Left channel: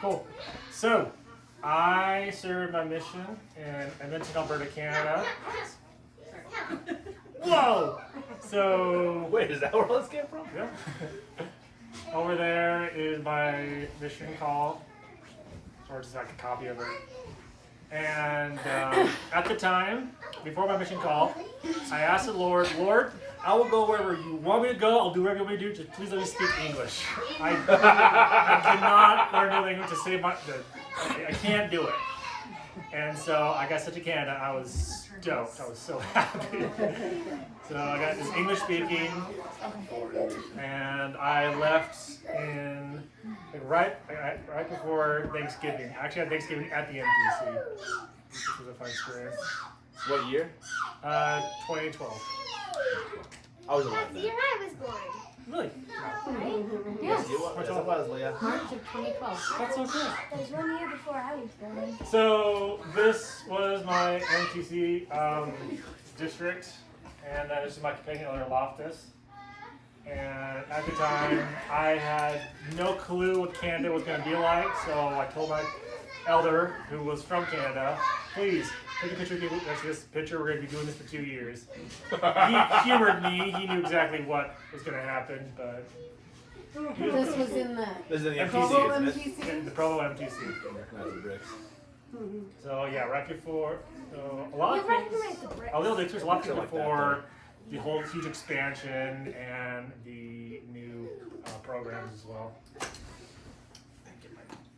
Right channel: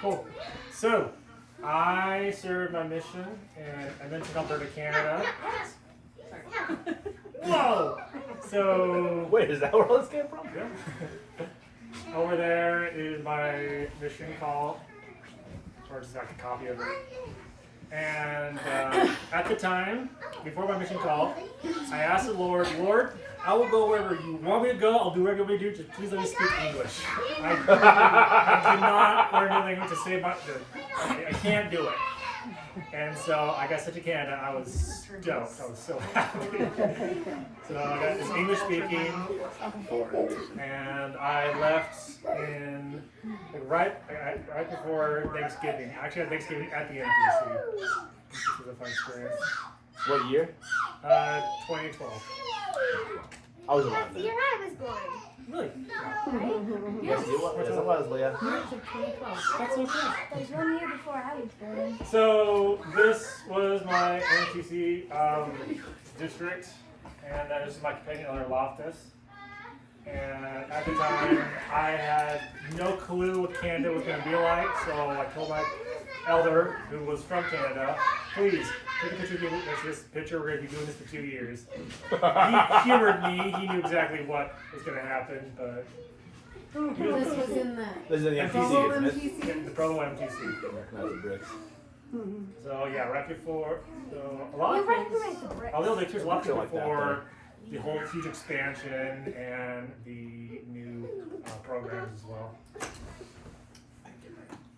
Cool. So, I served my mission in Edmonton, Alberta, Canada. Whoa! So, Wait, is that where all this came from? yeah. Over there is my mission call, or just like a copy of it. And at the time, before my mission call, I asked the Lord, I will go wherever you want me to go. I'll do whatever you want me to do. Just please let me speak English. I cannot learn new language to say my good. I can't do it. And so I got sent to Canada. I was stoked. I was so happy. So I got this English speaking, and I left in like, right before Thanksgiving. I actually had Thanksgiving at the MTC, which was a fun experience. What year? 2012. I was That's alive the then. year I was born, Really? right? Yes, you was. Yes, I was, Leah. March of 2012. That's so cool. That was 1 year before I was born. So this was my MTC district, and that is my companion owner Loftus. And at the time, I had no clue what Canada was going to be like, so I told my elder, who was from Canada, please take a picture of me next to this picture. We're going to be doing this for 2 years. He humored me. He knew exactly what was going to happen, but This was in the This is in the MTC, MTC, isn't it? the Provo MTC. Recognize the bricks. So yeah, right before. So a lot You of things. recognize the bricks. A little experience, a lot of things Like that, before the whole huge expansion and the new programs as well.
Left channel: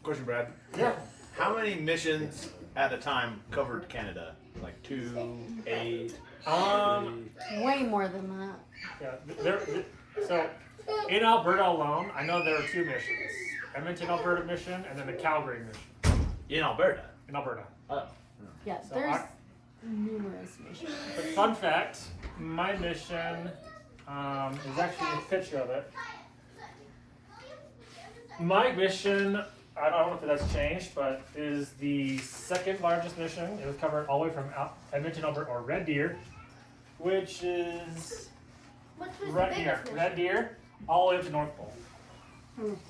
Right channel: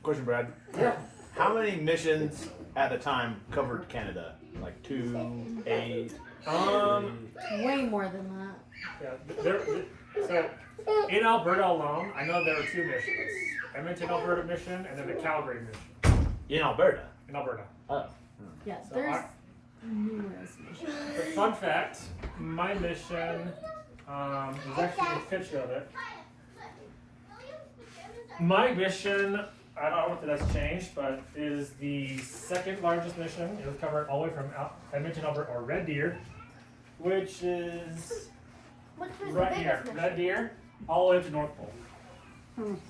Question, Brad. Yeah. How many missions at a time covered Canada? Like 2, 8, way more than that. Yeah. So in Alberta alone, I know there are 2 missions: Edmonton, Alberta mission, and then the Calgary mission in Alberta. in Alberta. Oh. Yeah, So there's numerous missions. But fun fact, my mission is actually a picture of it. My mission, I don't know if that's changed, but is the second largest mission. It was covered all the way from Edmonton, Alberta, or Red Deer, which is Which was right the here. biggest Red mission? Deer, all the way up to North Pole.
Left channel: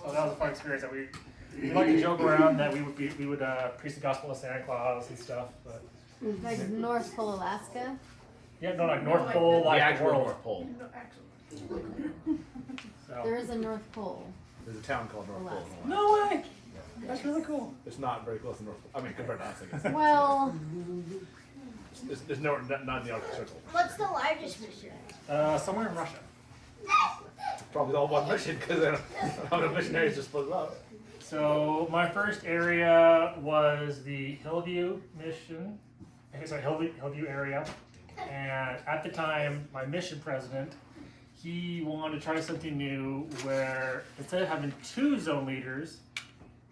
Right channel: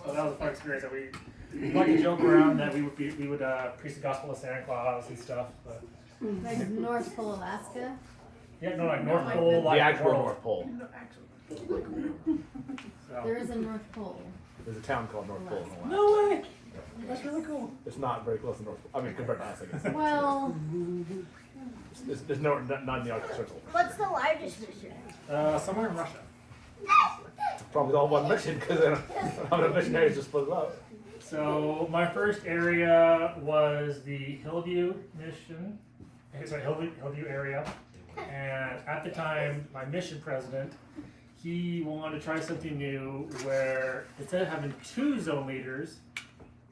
So that was a fun experience. That we like to joke around that we would preach the gospel of Santa Claus and stuff, but Like North Pole, Alaska. yeah, no, like North Pole, The like the actual world. North Pole. So. There is a North Pole. There's a town called North Pole. in Alaska. No way! That's really cool. It's not very close to North Pole. I mean, compared to us, I guess. Well, There's no, not in the Arctic Circle. What's the largest mission? Somewhere in Russia. Probably all one mission because they don't have enough missionaries to split it up. So my first area was the Hillview mission. Sorry, Hillview area. And at the time, my mission president, he wanted to try something new where instead of having 2 zone leaders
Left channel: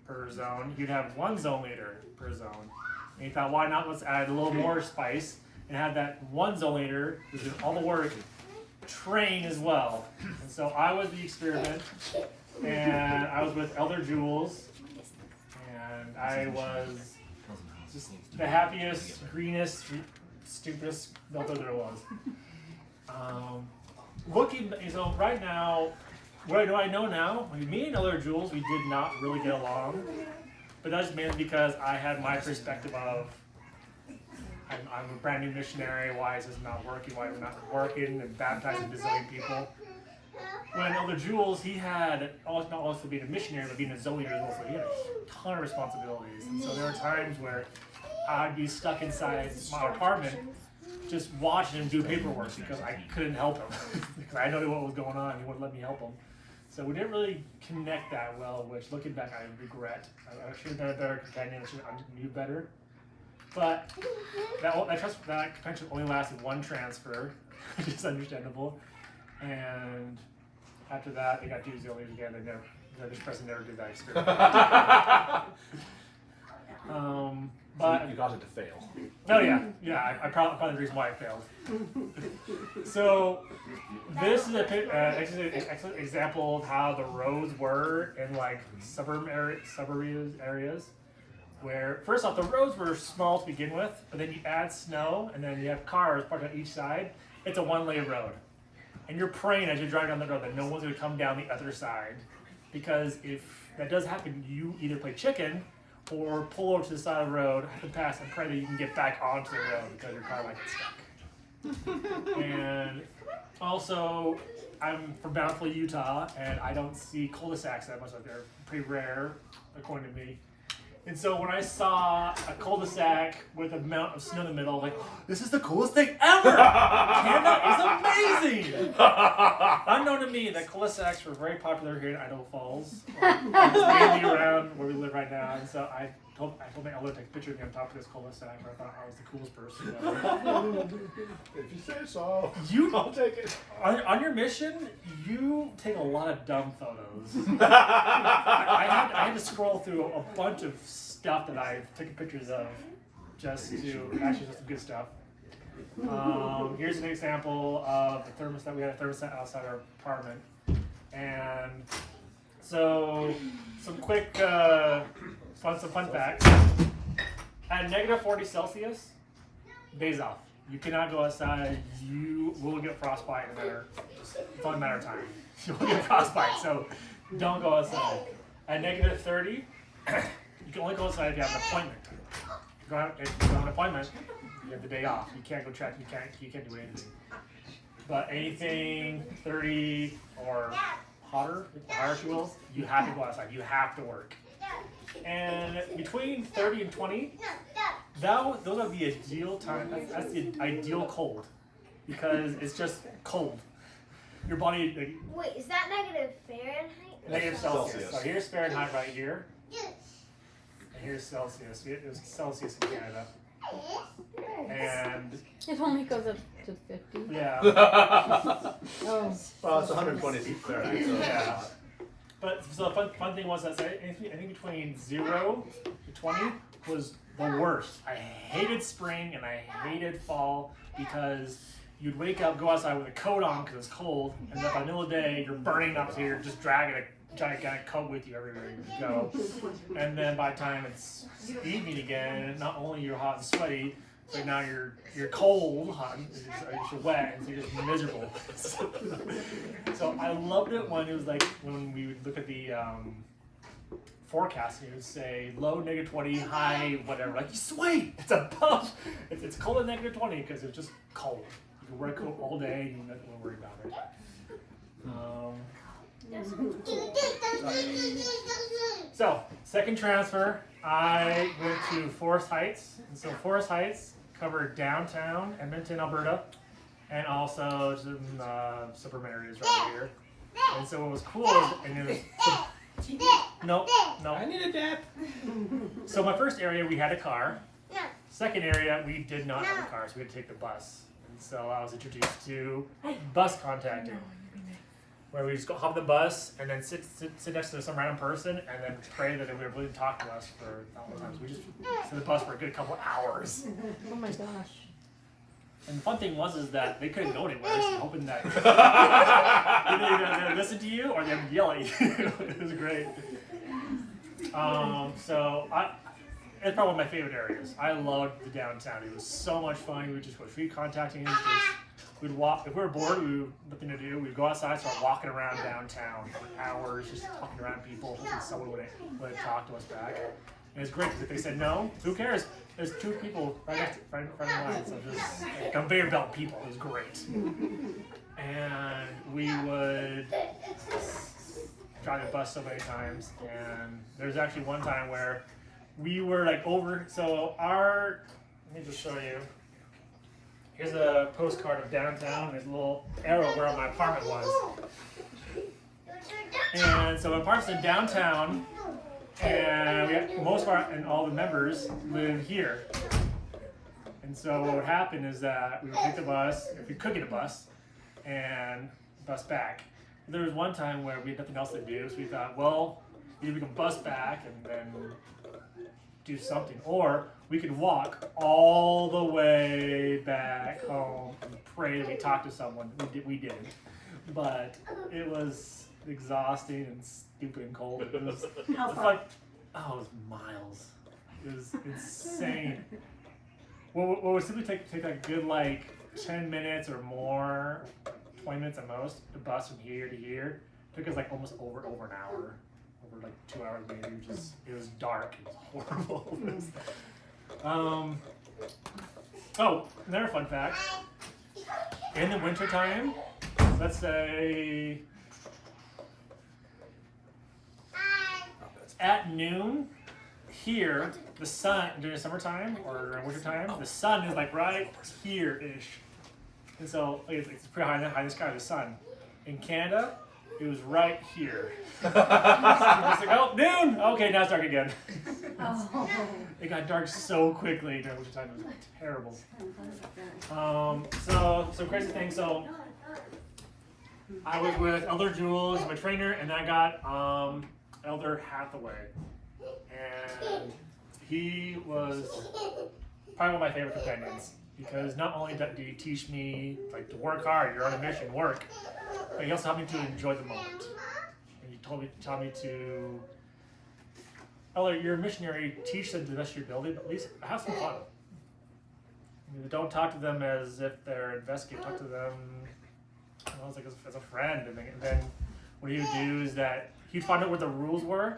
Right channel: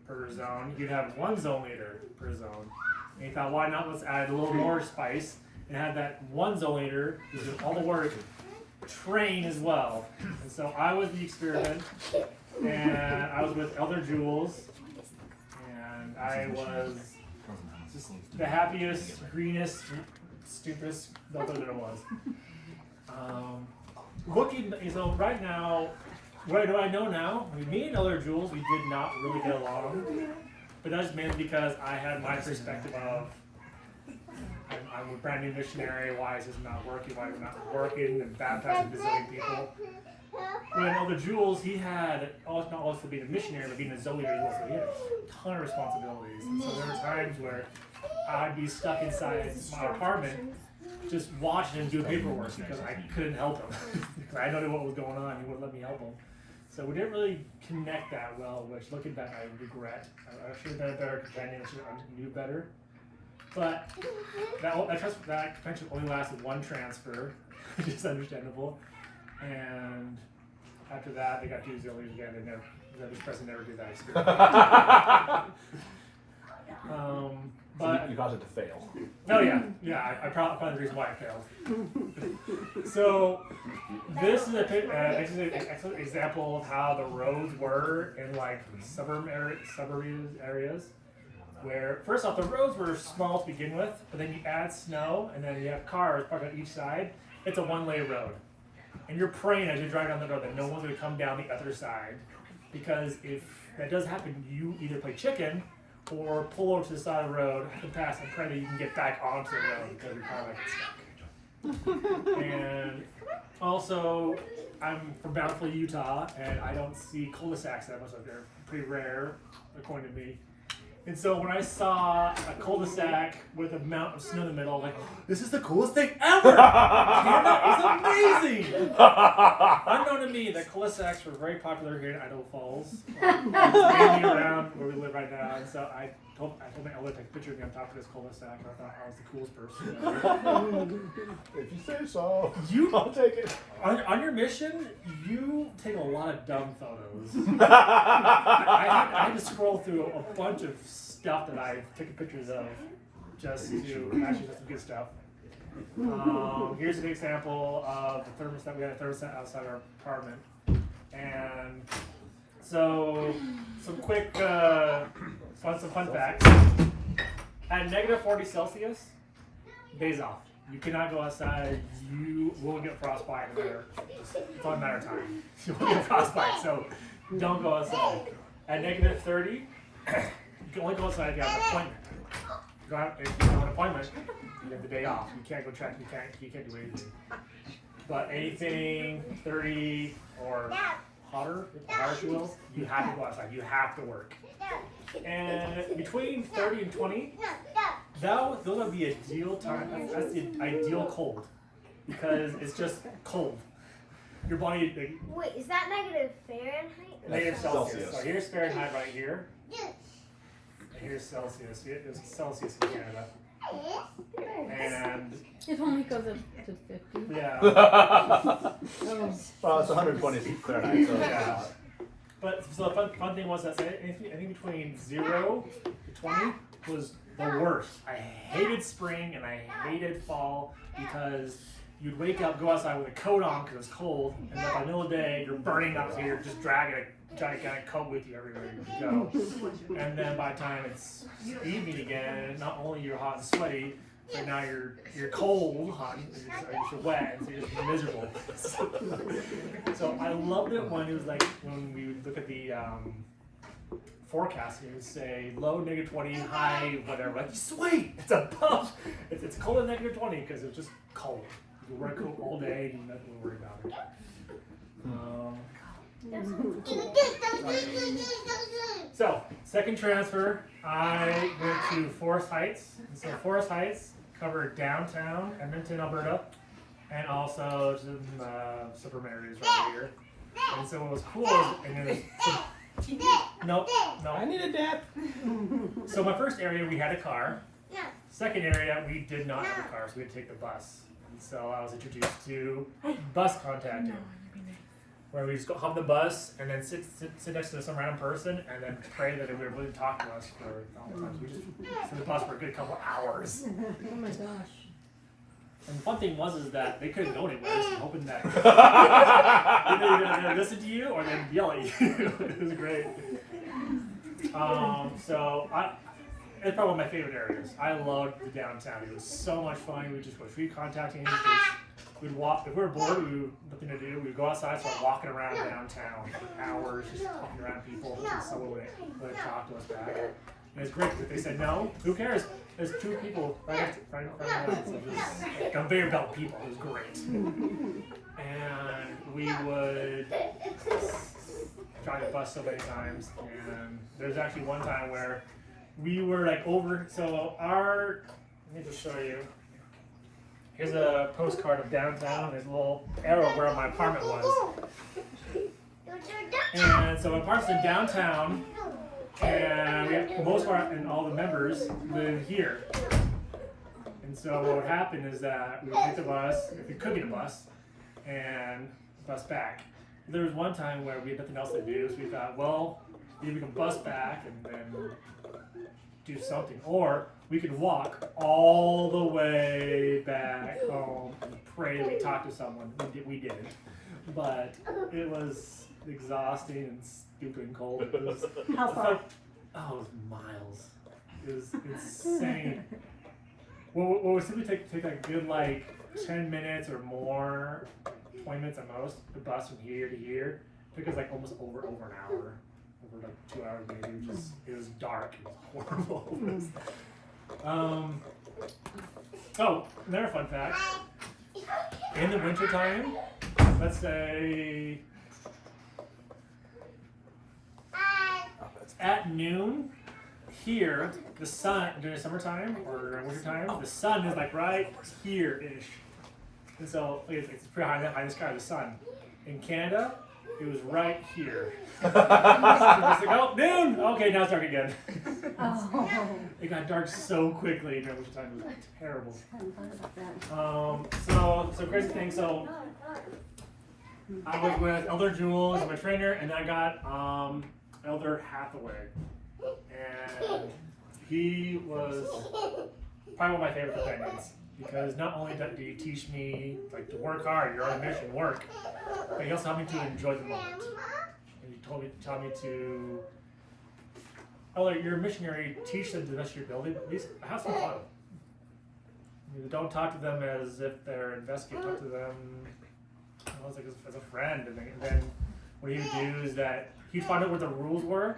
per zone, you'd have 1 zone leader per zone. And he thought, why not? Let's add a little more spice and have that 1 zone leader who's doing all the work train as well. And so I was the experiment, and I was with Elder Jules, and I was just the happiest, greenest, stupidest elder there was. So right now, what do I know now? Me and Elder Jules, we did not really get along, but that's mainly because I had my perspective of I'm a brand new missionary. Why is this not working? Why is it not working? And baptizing bazillion people. When Elder Jules, he had not also being a missionary, but being a zoe leader as well. So he had a ton of responsibilities. And so there were times where I'd be stuck inside my apartment, just watching him do paperwork because I couldn't help him. Because I didn't know what was going on. He wouldn't let me help him. So we didn't really connect that well. Which, looking back, I regret. I should have been a better companion. I knew better. But that convention only lasted 1 transfer, which is understandable. And after that, they got 2 zillions again. This person never did that experiment. But You caused it to fail. oh yeah, I probably the reason why I failed. So this is an excellent example of how the roads were in like suburban areas. Where first off the roads were small to begin with, but then you add snow and then you have cars parked on each side. It's a 1-lane road, and you're praying as you're driving down the road that no one's going to come down the other side, because if that does happen, you either play chicken or pull over to the side of the road and pass and pray that you can get back onto the road because your car might get stuck. And also, I'm from Bountiful, Utah, and I don't see cul-de-sacs that much. Like they're pretty rare, according to me. And so when I saw a cul-de-sac with a mountain of snow in the middle, I'm like, this is the coolest thing ever! Canada is amazing! Unknown to me, that cul-de-sacs were very popular here in Idaho Falls. Mainly around where we live right now. And so I told my elder to take a picture of me on top of this cul-de-sac, and I thought I was the coolest person ever. If you say so, I'll take it. On your mission, you take a lot of dumb photos. I had to scroll through a bunch of stuff that I've taken pictures of just to actually just some good stuff. Here's an example of the thermostat. We had a thermostat outside our apartment. And so some quick fun facts. At negative 40 Celsius, days off. You cannot go outside. You will get frostbite in there. It's only a matter of time. You will get frostbite, so don't go outside. At negative 30, you can only go outside if you have an appointment. If you don't have an appointment, you have the day off. You can't go track. You can't do anything. But anything 30 or hotter if you will, you have to go outside. You have to work. And between 30 and 20, those are the ideal time. That's the ideal cold because it's just cold. Your body. Wait, is that negative Fahrenheit? Negative Celsius. So here's Fahrenheit right here. And here's Celsius. Here's Celsius in Canada. And It only goes up to 50. yeah. Oh. Well, it's 120 Fahrenheit. So Yeah. But so the fun thing was that anything between 0 to 20 was the worst. I hated spring and I hated fall because you'd wake up, go outside with a coat on because it's cold, and then by the middle of the day you're burning up, so you're just dragging a gigantic coat with you everywhere you go. And then by the time it's evening again, not only you're hot and sweaty, but now you're cold, hot, you're wet, and so you're just miserable. So I loved it when it was like when we would look at the forecast and it would say low negative 20, high whatever. Like sweet, it's above. It's cold at negative 20 because it's just cold. You can wear a coat all day and you're not going to worry about it. So, second transfer, I went to Forest Heights. And so Forest Heights covered downtown Edmonton, Alberta, and also some suburban areas right here. And so what was cool is, and it was, nope. I need a dad. So my first area, we had a car. Second area, we did not have a car, so we had to take the bus. And so I was introduced to bus contacting, where we just go hop the bus and then sit next to some random person and then pray that they would really talk to us for a long time. So we just sit in the bus for a good couple hours. Oh my gosh. And the fun thing was that they couldn't go anywhere, so hoping that either they were going to listen to you or they'd yell at you. It was great. So it's probably one of my favorite areas. I loved the downtown. It was so much fun. We just went free contacting. We'd walk, if we were bored, we had nothing to do, we'd go outside, start walking around downtown for hours, just talking around people, hoping someone would talk to us back. And it's great because if they said no, who cares? There's two people right in front of us, so just like, conveyor belt people. It was great. And we would drive the bus so many times, and there's actually one time where we were like over, so let me just show you. Here's a postcard of downtown, and there's a little arrow where my apartment was. And so my apartment's in downtown, and most of and all the members live here. And so what would happen is that we would take the bus, if we could get a bus, and bus back. There was one time where we had nothing else to do, so we thought, well, either we can bus back and then do something, or we could walk all the way back home and pray we talked to someone. We did, but it was exhausting and stupid and cold. It was like, it was miles. It was insane. Well, would simply take a good like 10 minutes or more, 20 minutes at most, the bus from here to here. Took us like almost over an hour of for like 2 hours maybe. It was dark. It was horrible. Oh, another fun fact. In the wintertime, let's say at noon, here, the sun, during the summertime or wintertime, the sun is like right here-ish. And so it's pretty high in the sky of the sun. In Canada, it was right here. Just like, oh, noon! Okay, now it's dark again. It got dark so quickly during wintertime. It was terrible. So crazy thing. So I was with Elder Jules, my trainer, and I got Elder Hathaway, and he was probably one of my favorite companions because not only did he teach me like to work hard, you're on a mission, work, but he also helped me to enjoy the moment. And he taught me to, Elder, you're a missionary, teach them to the best of your ability, but at least have some fun. Don't talk to them as if they're investigating. Talk to them, like as a friend. And then what he would do is that he'd find out what the rules were,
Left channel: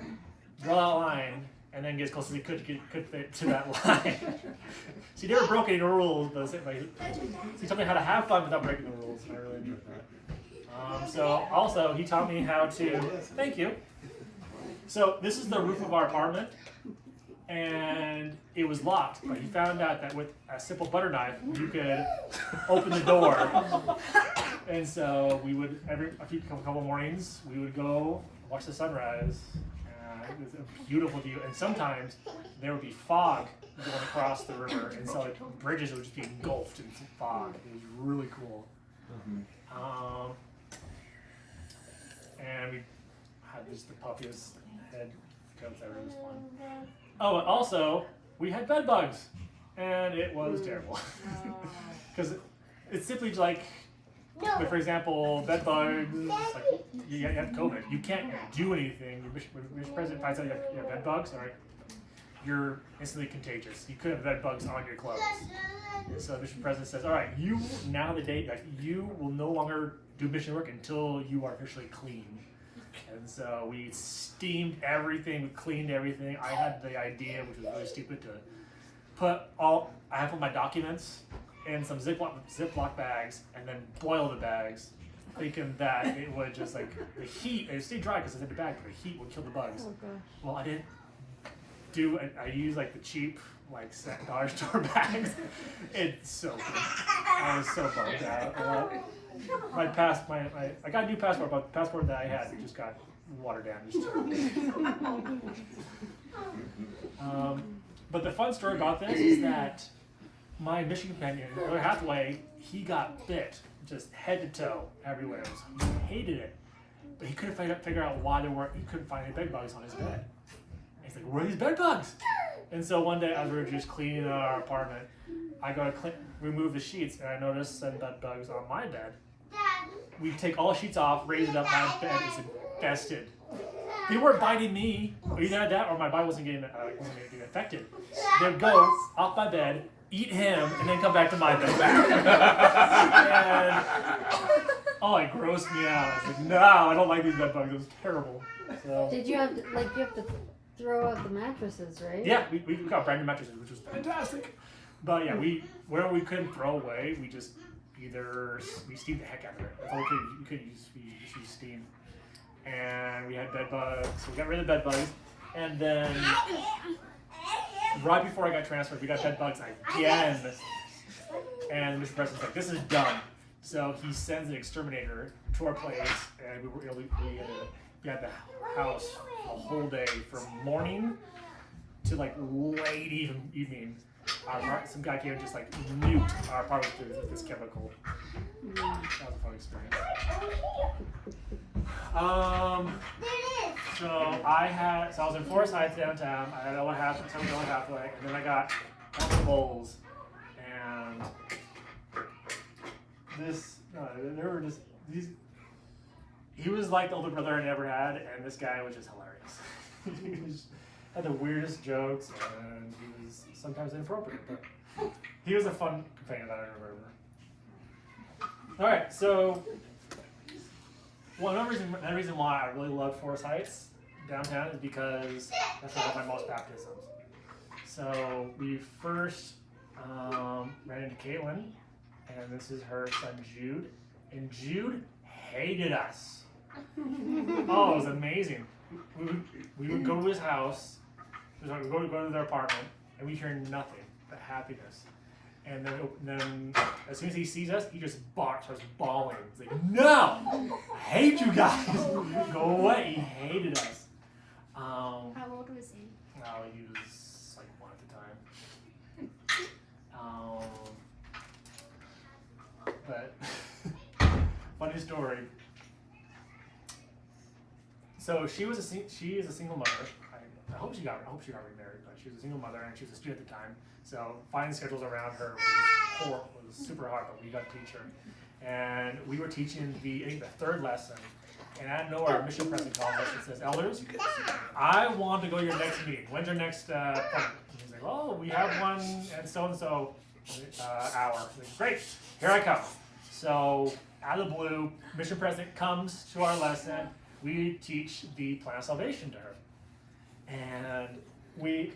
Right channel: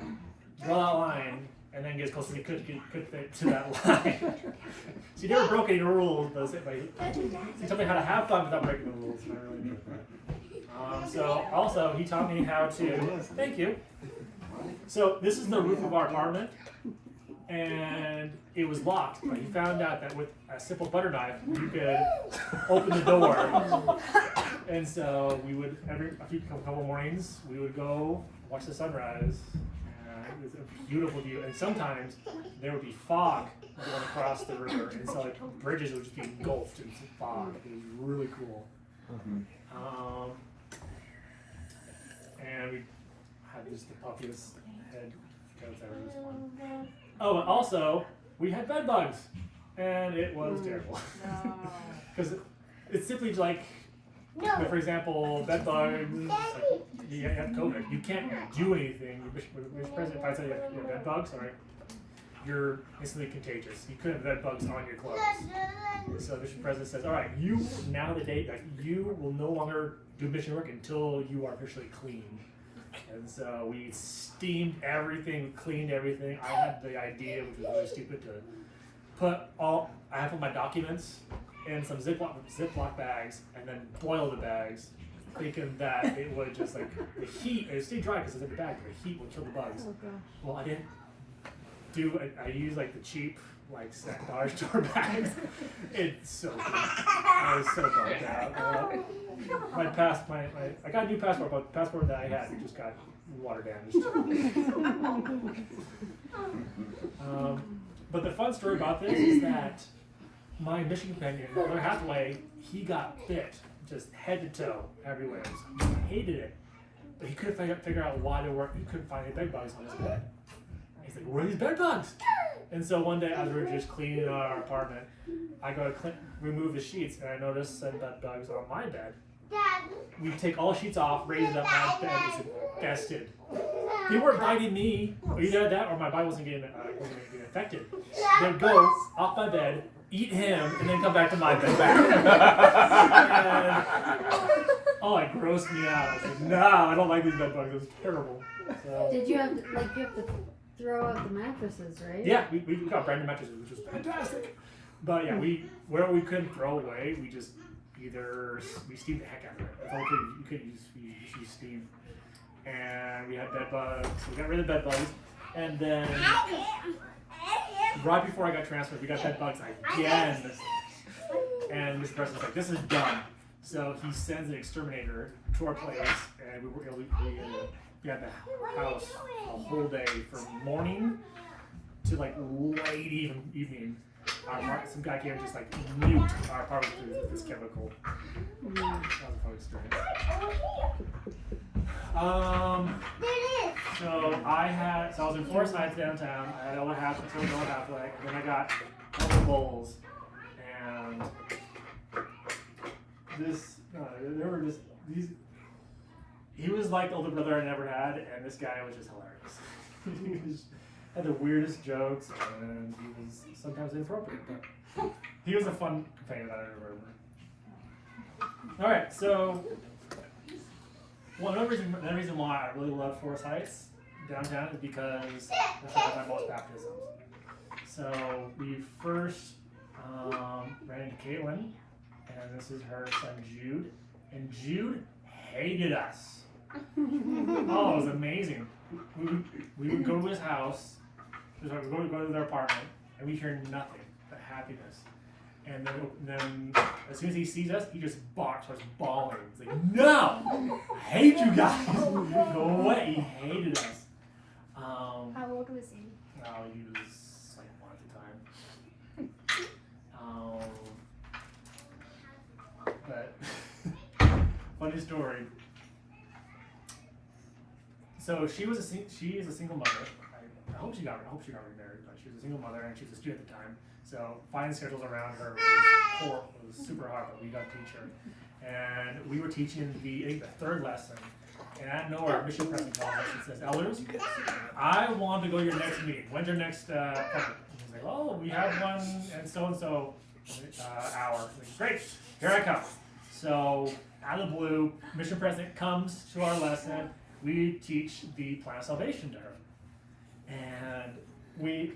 draw that line, and then get as close as he could to that line. So he never broke any rules, but he taught me how to have fun without breaking the rules, and I really enjoyed that. So also he taught me how to. Thank you. So this is the roof of our apartment. And it was locked, but he found out that with a simple butter knife, you could open the door. And so we would, a couple mornings, we would go watch the sunrise. It was a beautiful view. And sometimes there would be fog going across the river. And so like, bridges would just be engulfed in some fog. It was really cool. And we had just the puffiest head coats ever. It was fun. Oh, and also, we had bed bugs, and it was terrible. Because it's simply like, for example, bed bugs, like, you have COVID. You can't do anything. Your president finds out you have bed bugs, all right, you're instantly contagious. You could have bed bugs on your clothes. So the mission president says, all right, you, now the date, like, you will no longer do mission work until you are officially clean. And so we steamed everything, cleaned everything. I had the idea, which was really stupid, to put my documents in some Ziploc bags and then boil the bags, thinking that it would just like, the heat, it would stay dry because it's in the bag, but the heat would kill the bugs. Oh, gosh. Well, I didn't do it. I used like the cheap, like dollar store bags. It's so good. I was so bummed out. I got a new passport, but the passport that I had just got water damaged. But the fun story about this is that my mission companion, Elder Hathaway, he got bit, just head to toe, everywhere. He hated it, but he couldn't figure out why he couldn't find any bed bugs on his bed. And he's like, where are these bed bugs? And so one day, as we were just cleaning our apartment, I go to remove the sheets, and I noticed some bed bugs on my bed. We take all the sheets off, raise it up, my bed is infested. They weren't biting me, or either that, or my body wasn't getting infected. They'd go off my bed, eat him, and then come back to my bed. And, it grossed me out. I was like, no, I don't like these bed bugs. It was terrible. So, Did you have to, you have to throw out the mattresses, right? yeah, we got brand new mattresses, which was fantastic. But yeah, where we couldn't throw away, we just we steamed the heck out of it. That's all we could use. We used steam. And we had bed bugs, so we got rid of bed bugs. And then, right before I got transferred, we got bed bugs again. And Mr. Preston's like, this is done. So he sends an exterminator to our place, and we had the house the whole day from morning to like late evening. Some guy came and just like nuked our apartment with this chemical. That was a fun experience. So I was in Forest Heights downtown. I had Elder Hathaway, and then I got Elder Bowles, and there were just these. He was like the older brother I never had, and this guy was just hilarious. He had the weirdest jokes, and he was sometimes inappropriate, but he was a fun companion that I ever heard. Alright, so another reason why I really loved Forest Heights, downtown is because that's where I have my most baptisms. So we first ran into Caitlin, and this is her son Jude, and Jude hated us. Oh, it was amazing. We would go to his house, we would go to their apartment, and we hear nothing but happiness. And then as soon as he sees us, he just starts bawling. He's like, "No, I hate you guys. Go away." He hated us. How old was he? He was like 1 at the time. But funny story. So she is a single mother. I hope she got remarried, but she was a single mother and she was a student at the time. So finding schedules around her was horrible. It was super hard, but we got to teach her. And we were teaching the third lesson. And out of nowhere, our mission president calls us and says, "Elders, I want to go to your next meeting. When's your next appointment?" And he's like, "Oh, we have one and so hour." Like, "Great, here I come." So out of the blue, mission president comes to our lesson. We teach the plan of salvation to her, and we're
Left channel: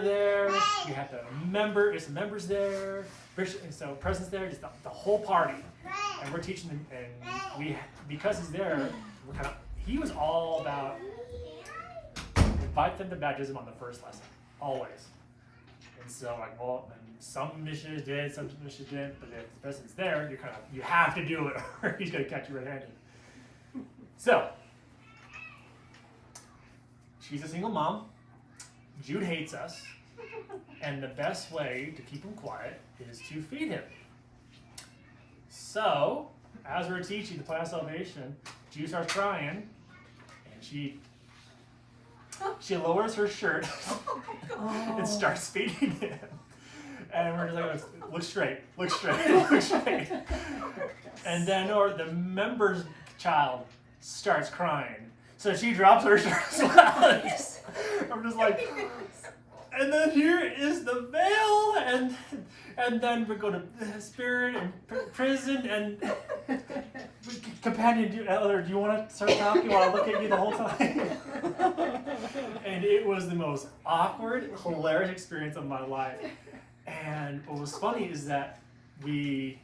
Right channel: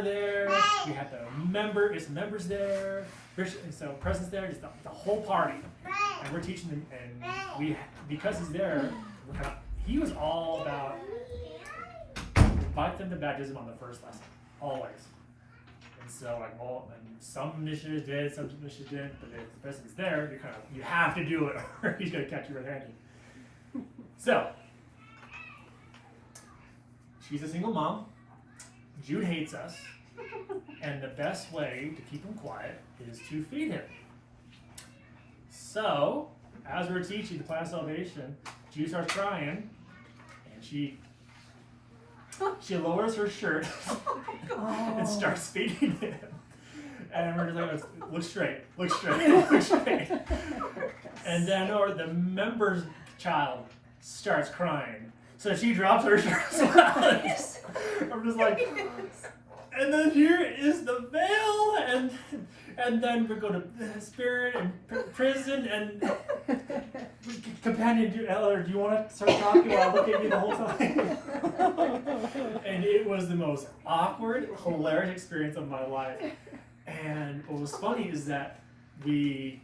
there. We have there's members there, and so president's there, just the whole party, and we're teaching them. And because he's there, he was all about invite them to baptism on the first lesson, always. And so and some missionaries did, some missionaries didn't, but if the president's there, you have to do it, or he's gonna catch you red-handed. So she's a single mom. Jude hates us, and the best way to keep him quiet is to feed him. So, as we're teaching the plan of salvation, Jude starts crying, and she lowers her shirt and starts feeding him. And we're just like, "Look straight, look straight, look straight." And then the member's child starts crying. So she drops her shirt. I'm just like, and then here is the veil, and then we go to spirit and prison and companion. Elder, do you want to start talking while I look at you the whole time? And it was the most awkward, hilarious experience of my life. And what was funny is that we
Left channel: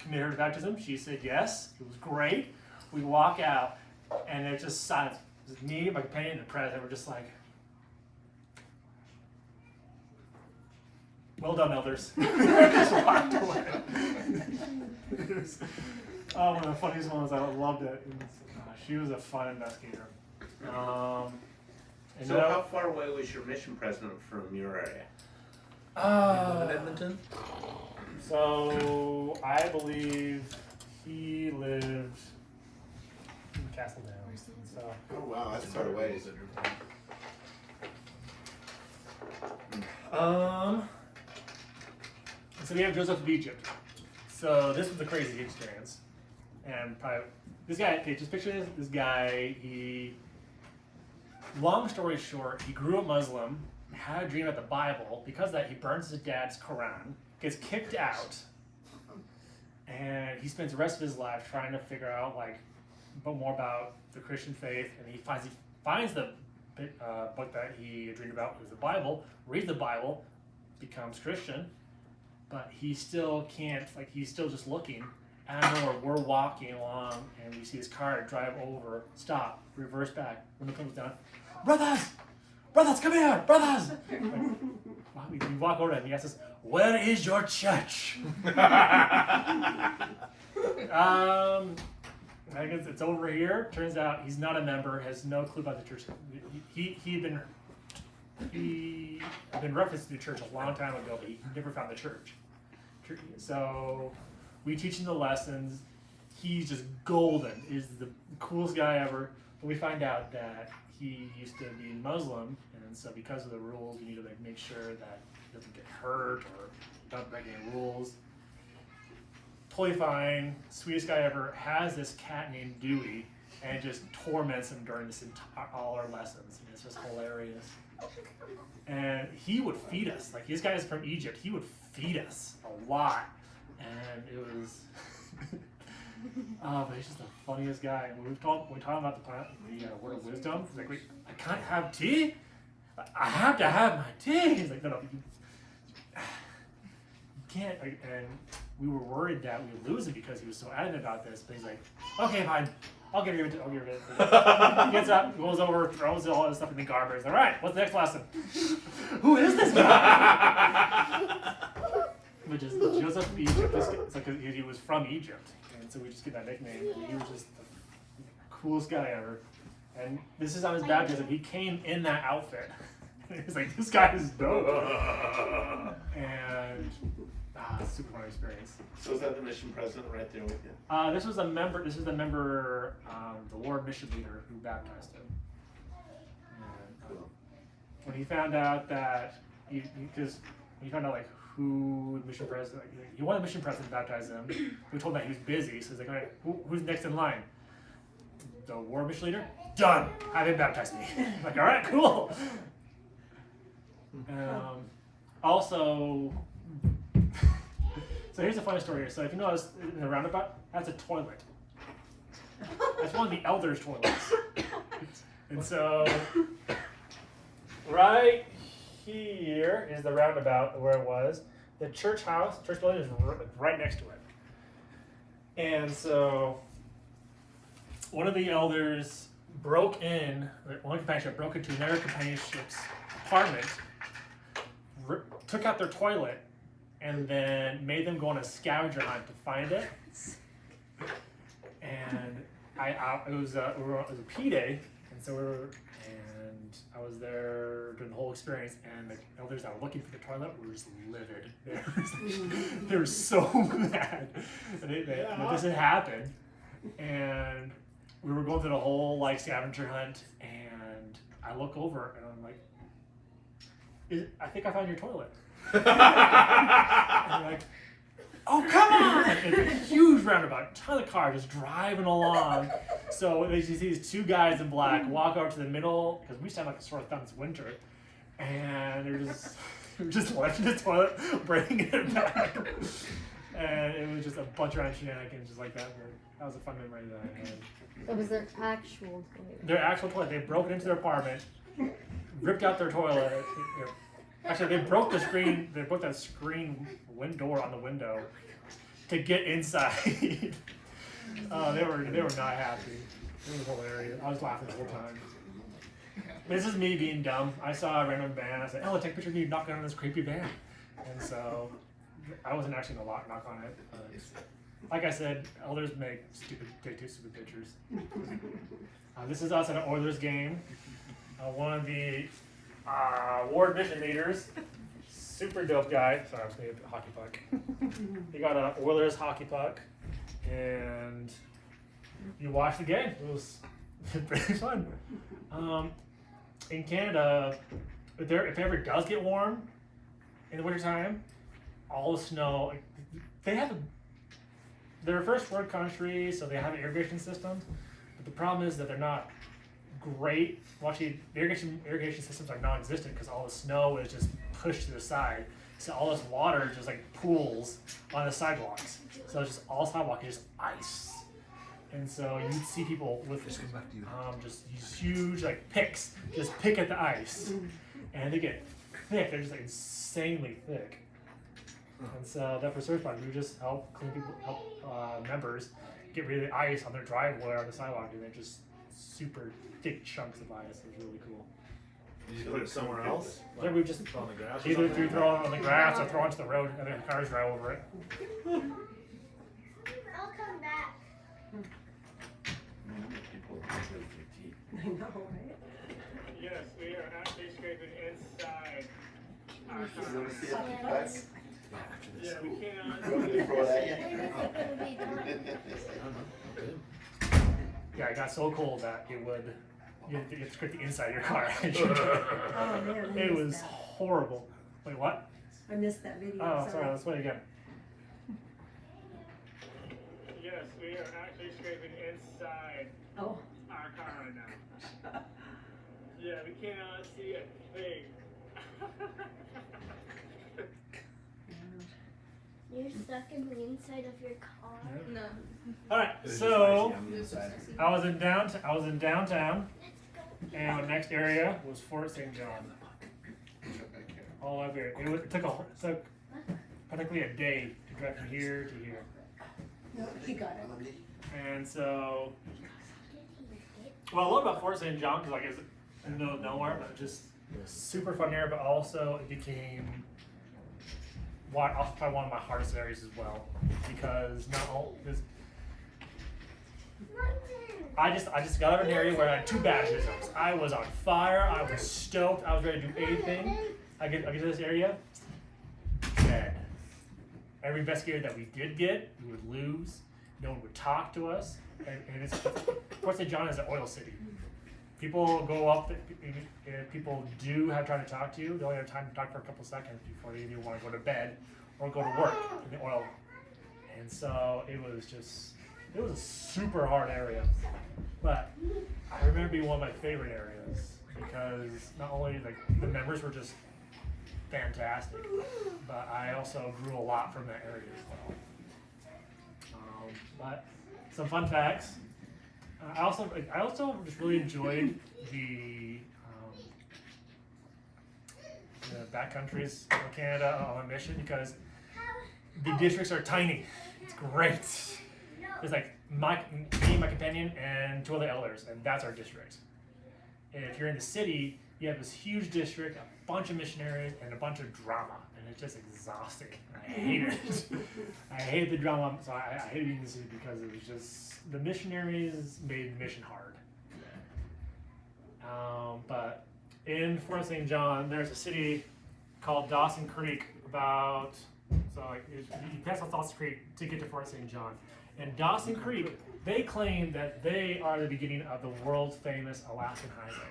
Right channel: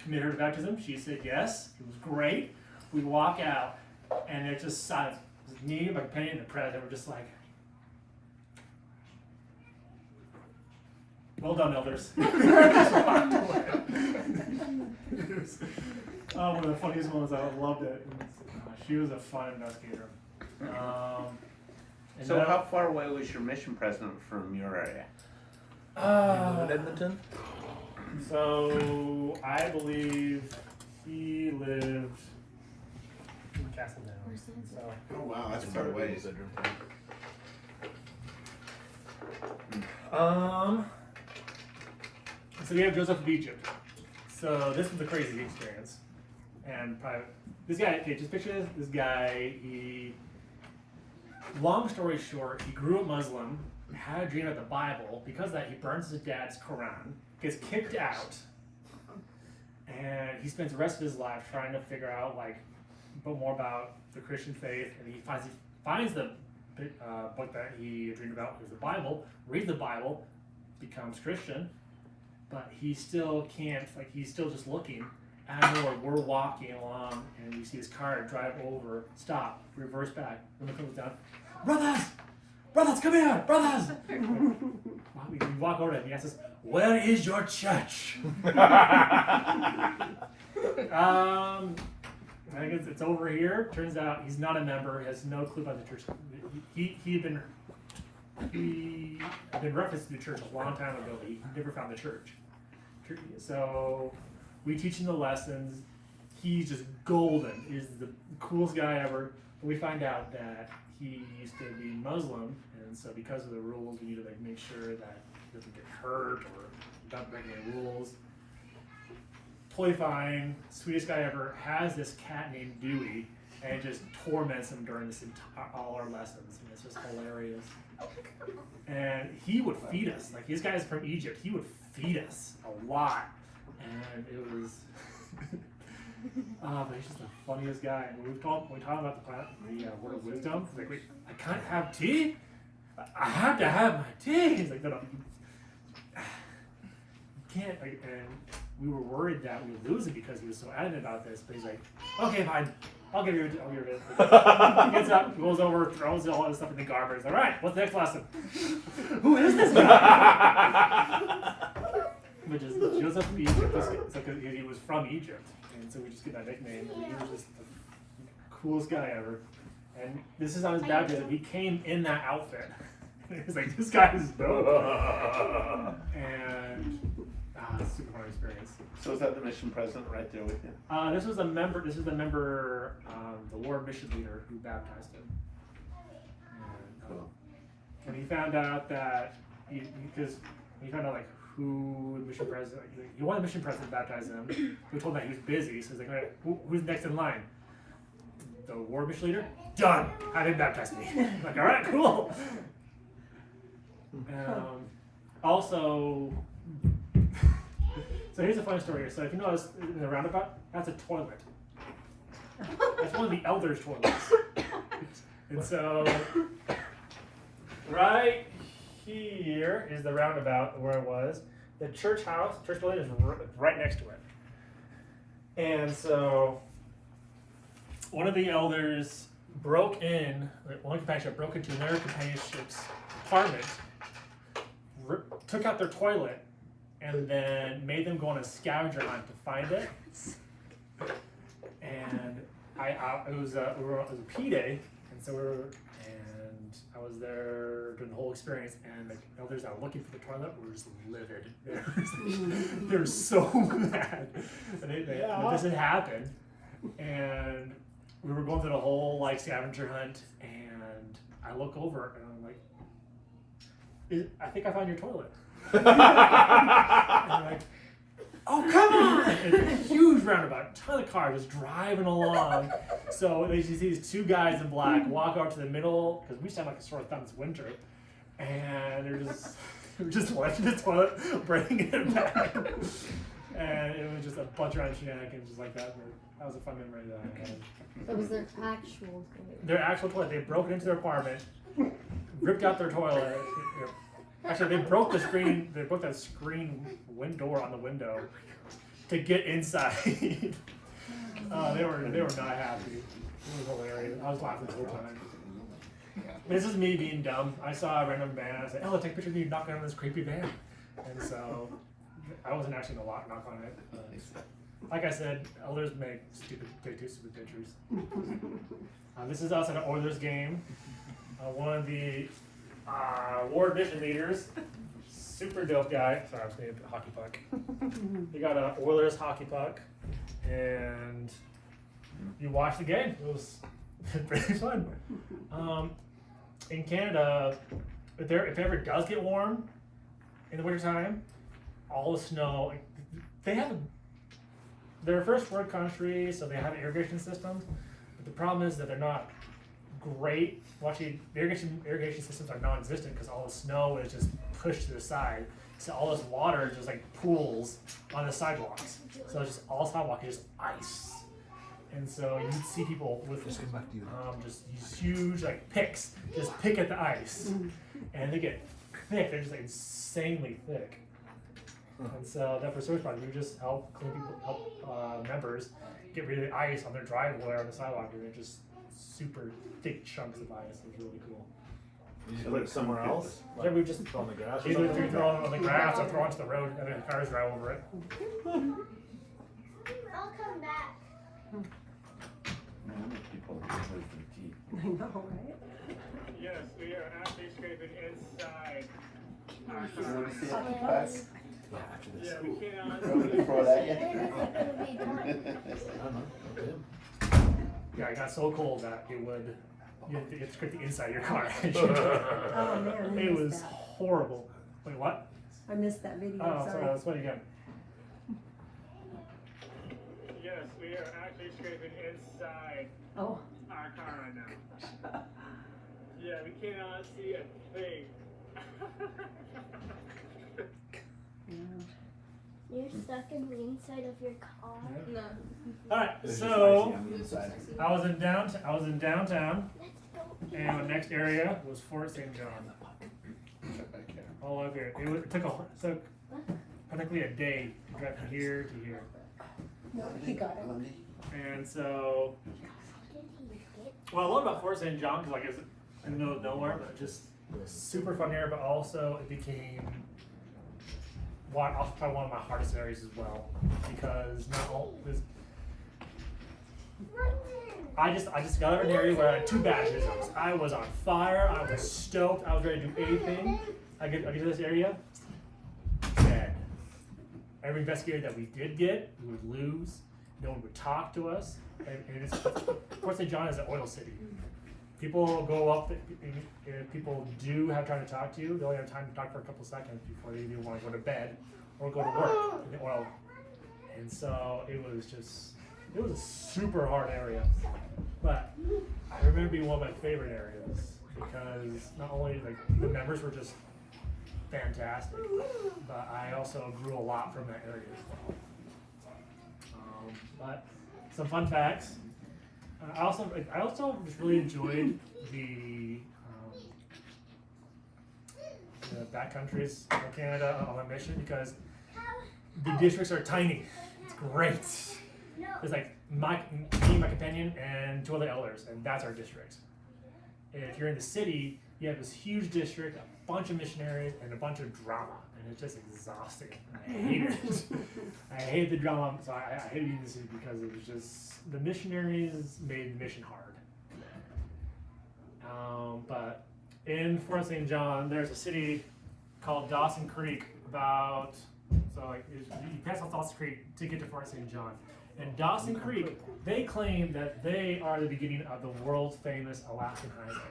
committed her to baptism. She said yes. It was great. We walk out, and there's just silence. It was me, my companion, and the president were just like, "Well done, elders." Just walked away. One of the funniest ones. I loved it. She was a fun investigator. So how far away was your mission president from your area? Edmonton? So I believe he lived in Castle Down. So Oh wow, that's quite a ways. So we have Joseph of Egypt. So this was a crazy experience, and probably this guy. Okay, just picture this guy. Long story short, he grew up Muslim, had a dream about the Bible. Because of that, he burns his dad's Quran, gets kicked out, and he spends the rest of his life trying to figure out more about the Christian faith. And he finds the book that he dreamed about, was the Bible. Reads the Bible, becomes Christian, but he still can't. He's still just looking. And I know we're walking along, and you see this car drive over, stop, reverse back. When it comes down, brothers, come here, brothers. We walk over to him. He asks us, "Where is your church?" I guess it's over here. Turns out he's not a member. Has no clue about the church. He'd been referenced to the church a long time ago, but he never found the church. So we teach him the lessons. He's just golden. He's the coolest guy ever. But we find out that he used to be Muslim, and so because of the rules, we need to make sure that he doesn't get hurt or don't break any rules. Totally fine. Sweetest guy ever. Has this cat named Dewey, and it just torments him during all our lessons. And it's just hilarious. And he would feed us. This guy's from Egypt. He would feed us a lot, and it was But he's just the funniest guy. And we talked about the word of wisdom. He's like, wait, I can't have tea? I have to have my tea. He's like, no, you can't. Like, and we were worried that we would lose it because he was so adamant about this. But he's like, okay, fine. I'll give you it. He gets up, goes over, throws all his stuff in the garbage. He's like, all right, what's the next lesson? Who is this guy? Which is Joseph of Egypt. It's like he was from Egypt, and so we just get that nickname. And he was just the coolest guy ever. And this is on his baptism. He came in that outfit. He's like, this guy is dope. And super fun experience. So is that the mission president right there with you? This was a member. This is the member, the war mission leader who baptized him. And, when he found out that, because when he found out like who the mission president, he wanted the mission president to baptize him. We told him that he was busy, so he's like, all right, who's next in line? The war mission leader. Done. Have him baptize me. I'm like, all right, cool. Also. So here's a funny story here. So if you notice in the roundabout, that's a toilet. That's one of the elders' toilets. And so right here is the roundabout where it was. The church building is right next to it. And so one of the elders broke into another companionship's apartment, took out their toilet, and then made them go on a scavenger hunt to find it. And it was a P day, and so I was there during the whole experience, and the elders that were looking for the toilet were just livid. They were so mad that this had happened, and we were going through the whole like scavenger hunt, and I look over and I'm like, I think I found your toilet. And they're like, oh, come on! It's a huge roundabout, ton of cars just driving along. So they see these two guys in black walk over to the middle, because we sound like a sore thumb, it's winter, and they're just lifting the toilet, bringing it back. And it was just a bunch of shenanigans just like that. That was a fun memory that I had. That was their actual toilet. Their actual toilet. They broke into their apartment, ripped out their toilet. Actually, they broke the screen. They broke that screen door on the window to get inside. They were not happy. It was hilarious. I was laughing the whole time. This is me being dumb. I saw a random van. I said, "Oh, take a picture of me knocking on this creepy van." And so I wasn't actually gonna knock on it. Like I said, elders take two stupid pictures. This is us at an Oilers game. One of the ward mission leaders, super dope guy. Sorry, I was thinking of a hockey puck. He got an Oilers hockey puck, and you watched the game. It was pretty fun. In Canada, if it ever does get warm in the wintertime, all the snow, they're a first world country, so they have irrigation systems, but the problem is that they're not great. Well, actually, the irrigation systems are non-existent because all the snow is just pushed to the side. So all this water just like pools on the sidewalks. So it's just all sidewalk is just ice. And so you'd see people with just these huge like picks, just pick at the ice, and they get thick. They're just like insanely thick. And so that for service project, we would just help members get rid of the ice on their driveway or on the sidewalk, and they're just super thick chunks of ice. It was really cool. Did you put it somewhere else? Yeah, we just on the grass. either if you throw it on the grass or throw it onto the road, and then the cars drive over it. I'll come back. I know, right? Yes, we are actually scraping inside our You wanna see it in class? Yeah, we can't. Throw that in. Yeah, it got so cold that you had to scrape the inside of your car. Oh, man, I It missed was that. horrible. Wait, what? I missed that video. Oh, sorry, let's play it again. Yes, we are actually scraping inside Oh. our car right now. Yeah, we cannot see a thing. You're stuck in the inside of your car. Yeah. No. All right, It's just so icy on the inside. I was in downtown, and the next area was Fort St. John. All over here. It took practically a day to drive from here to here. No, he got it. And so, what I love about Fort St. John, because like it's in the middle of nowhere, but just super fun area. But also, it became probably one of my hardest areas as well, because not all this. I just got out of an area where I had 2 baptisms. I was on fire. I was stoked. I was ready to do anything. I get to this area, dead. Every investigator that we did get, we would lose. No one would talk to us. And Fort St. John is an oil city. People go up, if people do have time to talk to you, they only have time to talk for a couple seconds before they either want to go to bed or go to work in the oil. And so it was a super hard area. But I remember it being one of my favorite areas because not only like the members were just fantastic, but I also grew a lot from that area as well. But some fun facts. I also just really enjoyed the backcountries of Canada on my mission because the districts are tiny. It's great. There's like me, my companion, and 2 other elders, and that's our district. If you're in the city, you have this huge district, a bunch of missionaries, and a bunch of drama, and it's just exhausting. I hate it. I hate the drama, so I hated being in the city because it was just the missionaries made the mission hard. But in Fort St. John, there's a city called Dawson Creek. You pass off Dawson Creek to get to Fort St. John. And Dawson Creek, they claim that they are the beginning of the world famous Alaskan Highway.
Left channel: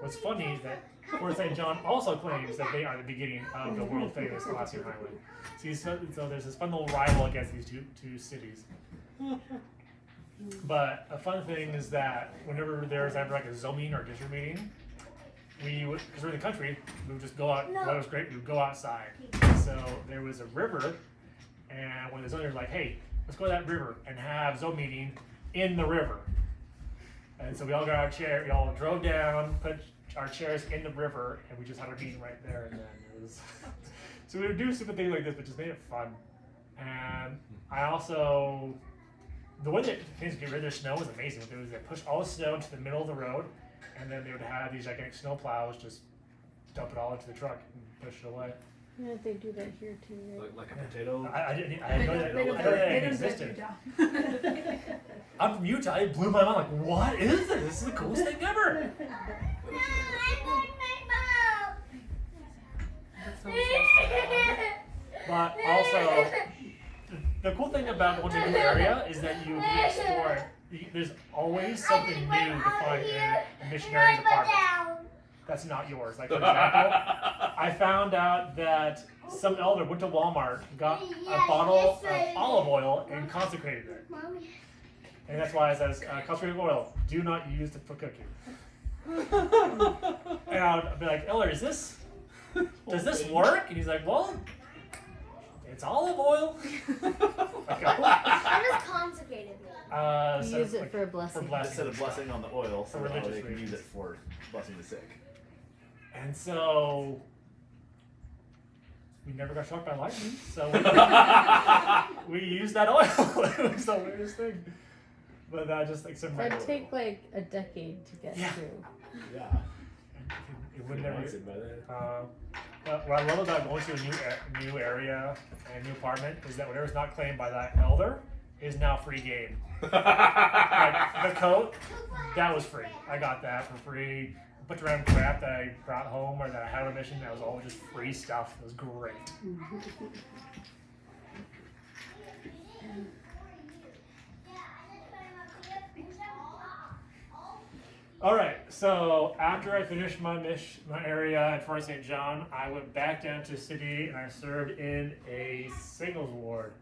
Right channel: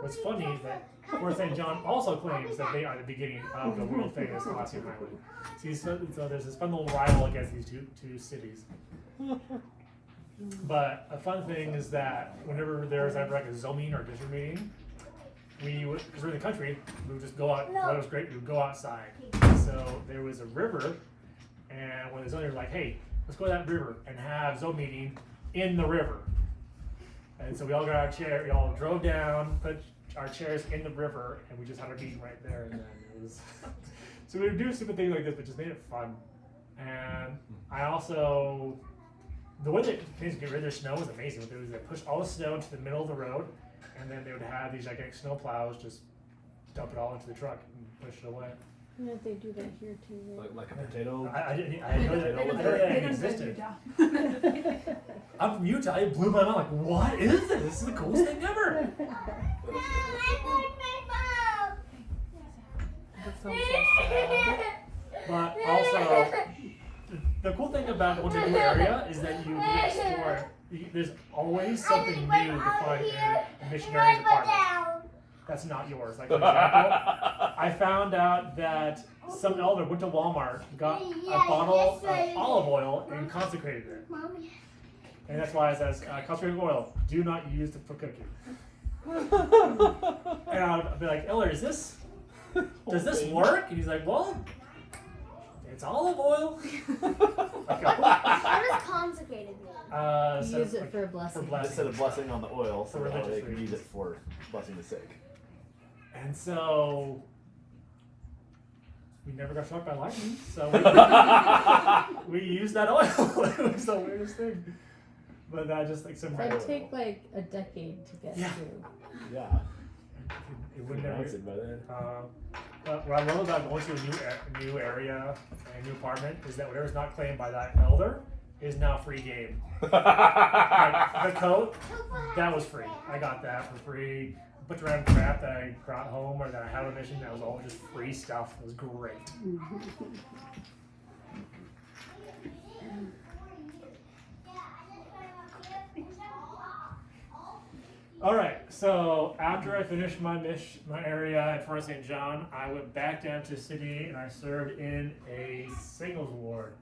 What's funny is that Fort St. John also claims that they are the beginning of the world famous Alaskan Highway. See, so there's this fun little rival against these two cities. But a fun thing is that whenever there's ever like a zone meeting or district meeting, because we're in the country, we would just go out. Well, it was great. We would go outside. So there was a river, and when the zoning was like, "Hey, let's go to that river and have zone meeting in the river." And so we all got our chair. We all drove down, put our chairs in the river, and we just had our meeting right there. And then it was so we would do stupid things like this, but just made it fun. And I also. The way that things get rid of their snow was amazing. What they do is they push all the snow into the middle of the road, and then they would have these gigantic snow plows just dump it all into the truck and push it away. Yeah, they do that here too, right? Like a potato. I didn't know that. I didn't know that existed. Utah. I'm from Utah. It blew my mind. Like, what is this? This is the coolest thing ever. But also, the cool thing about going to a new area is that you get to explore. There's always something new to find in a missionary's apartment that's not yours. Like, for example, I found out that some elder went to Walmart, got a bottle of olive oil, and consecrated it. And that's why it says, consecrated oil, do not use for cooking. And I'll be like, Elder, does this work? And he's like, well, it's olive oil. What does consecrated mean? You use it for a blessing. Instead of blessing on the oil, For so that religious they can use reasons. it for blessing the sick. And so we never got struck by lightning, so we used that oil. It was the weirdest thing. But that just like some That'd take like a decade to get Yeah. through. Yeah. it would never. Acid by then. But what I love about going to a new area and a new apartment is that whatever's not claimed by that elder is now free game. Like the coat, that was free. I got that for free. A bunch of random crap that I brought home or that I had on a mission that was all just free stuff. It was great. All right, so after I finished my area at Fort St. John, I went back down to the city and I served in a singles ward.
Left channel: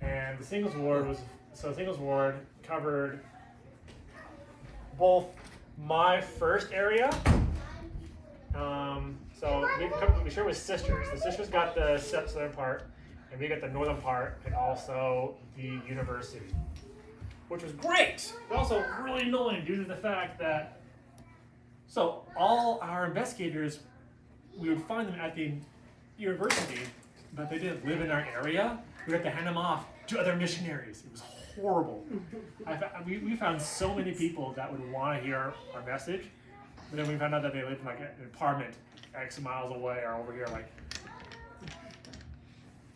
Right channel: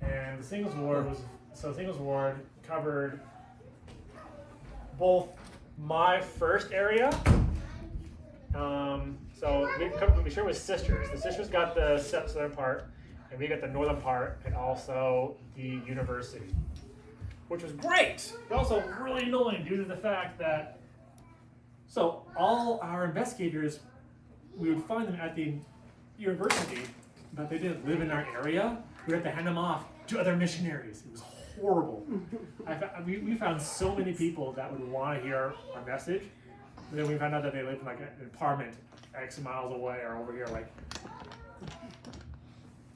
And the singles ward covered both my first area. So we shared with sisters. The sisters got the southern part, and we got the northern part, and also the university, which was great, but also really annoying due to the fact that, so all our investigators, we would find them at the university, but they didn't live in our area. We had to hand them off to other missionaries. It was horrible. We found so many people that would want to hear our message, but then we found out that they lived in like an apartment X miles away or over here, like,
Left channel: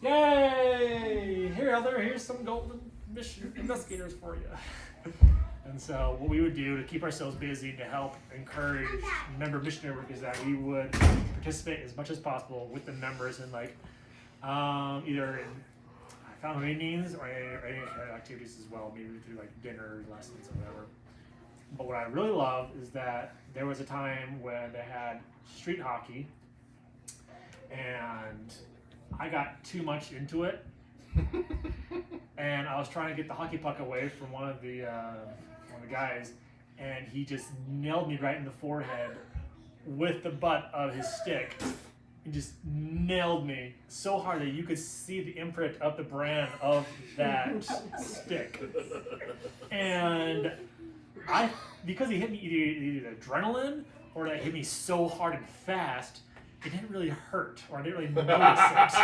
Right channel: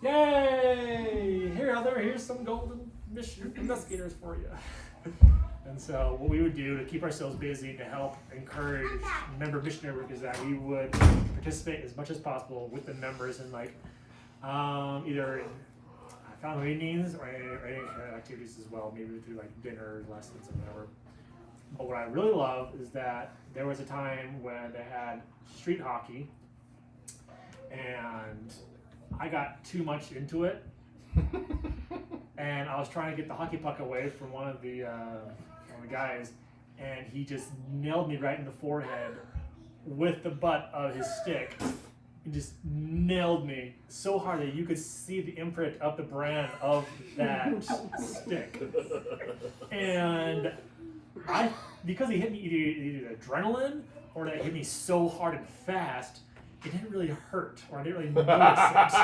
yay! Here, Elder, here's some golden mission investigators for you. And so what we would do to keep ourselves busy to help encourage member missionary work is that we would participate as much as possible with the members in like either in family meetings or any activities as well, maybe through like dinner, lessons, or whatever. But what I really love is that there was a time when they had street hockey, and I got too much into it, and I was trying to get the hockey puck away from one of the guys, and he just nailed me right in the forehead with the butt of his stick. He just nailed me so hard that you could see the imprint of the brand of that stick. And because he hit me either adrenaline or that it hit me so hard and fast, it didn't really hurt, or I didn't really notice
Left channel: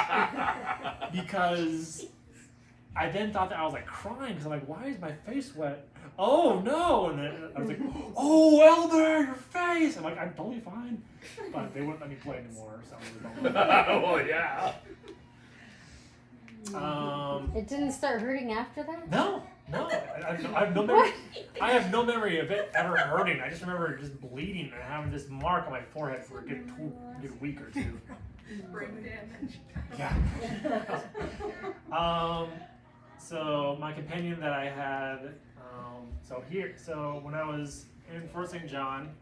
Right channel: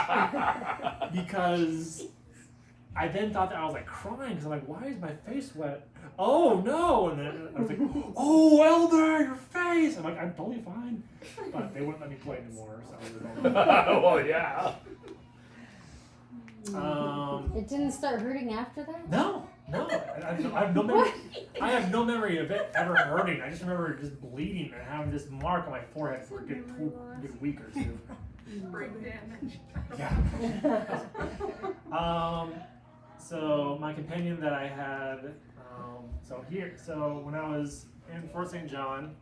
it. Because I then thought that I was like crying, because I'm like, why is my face wet? Oh no! And then I was like, oh, Elder, your face! I'm like, I'm totally fine. But they wouldn't let me play anymore, so I was like, Oh yeah. It didn't start hurting after that? No. I have no memory. I have no memory of it ever hurting. I just remember just bleeding and having this mark on my forehead for a good week or two. Brain damage. Yeah. So my companion that I had, so when I was in Fort St. John,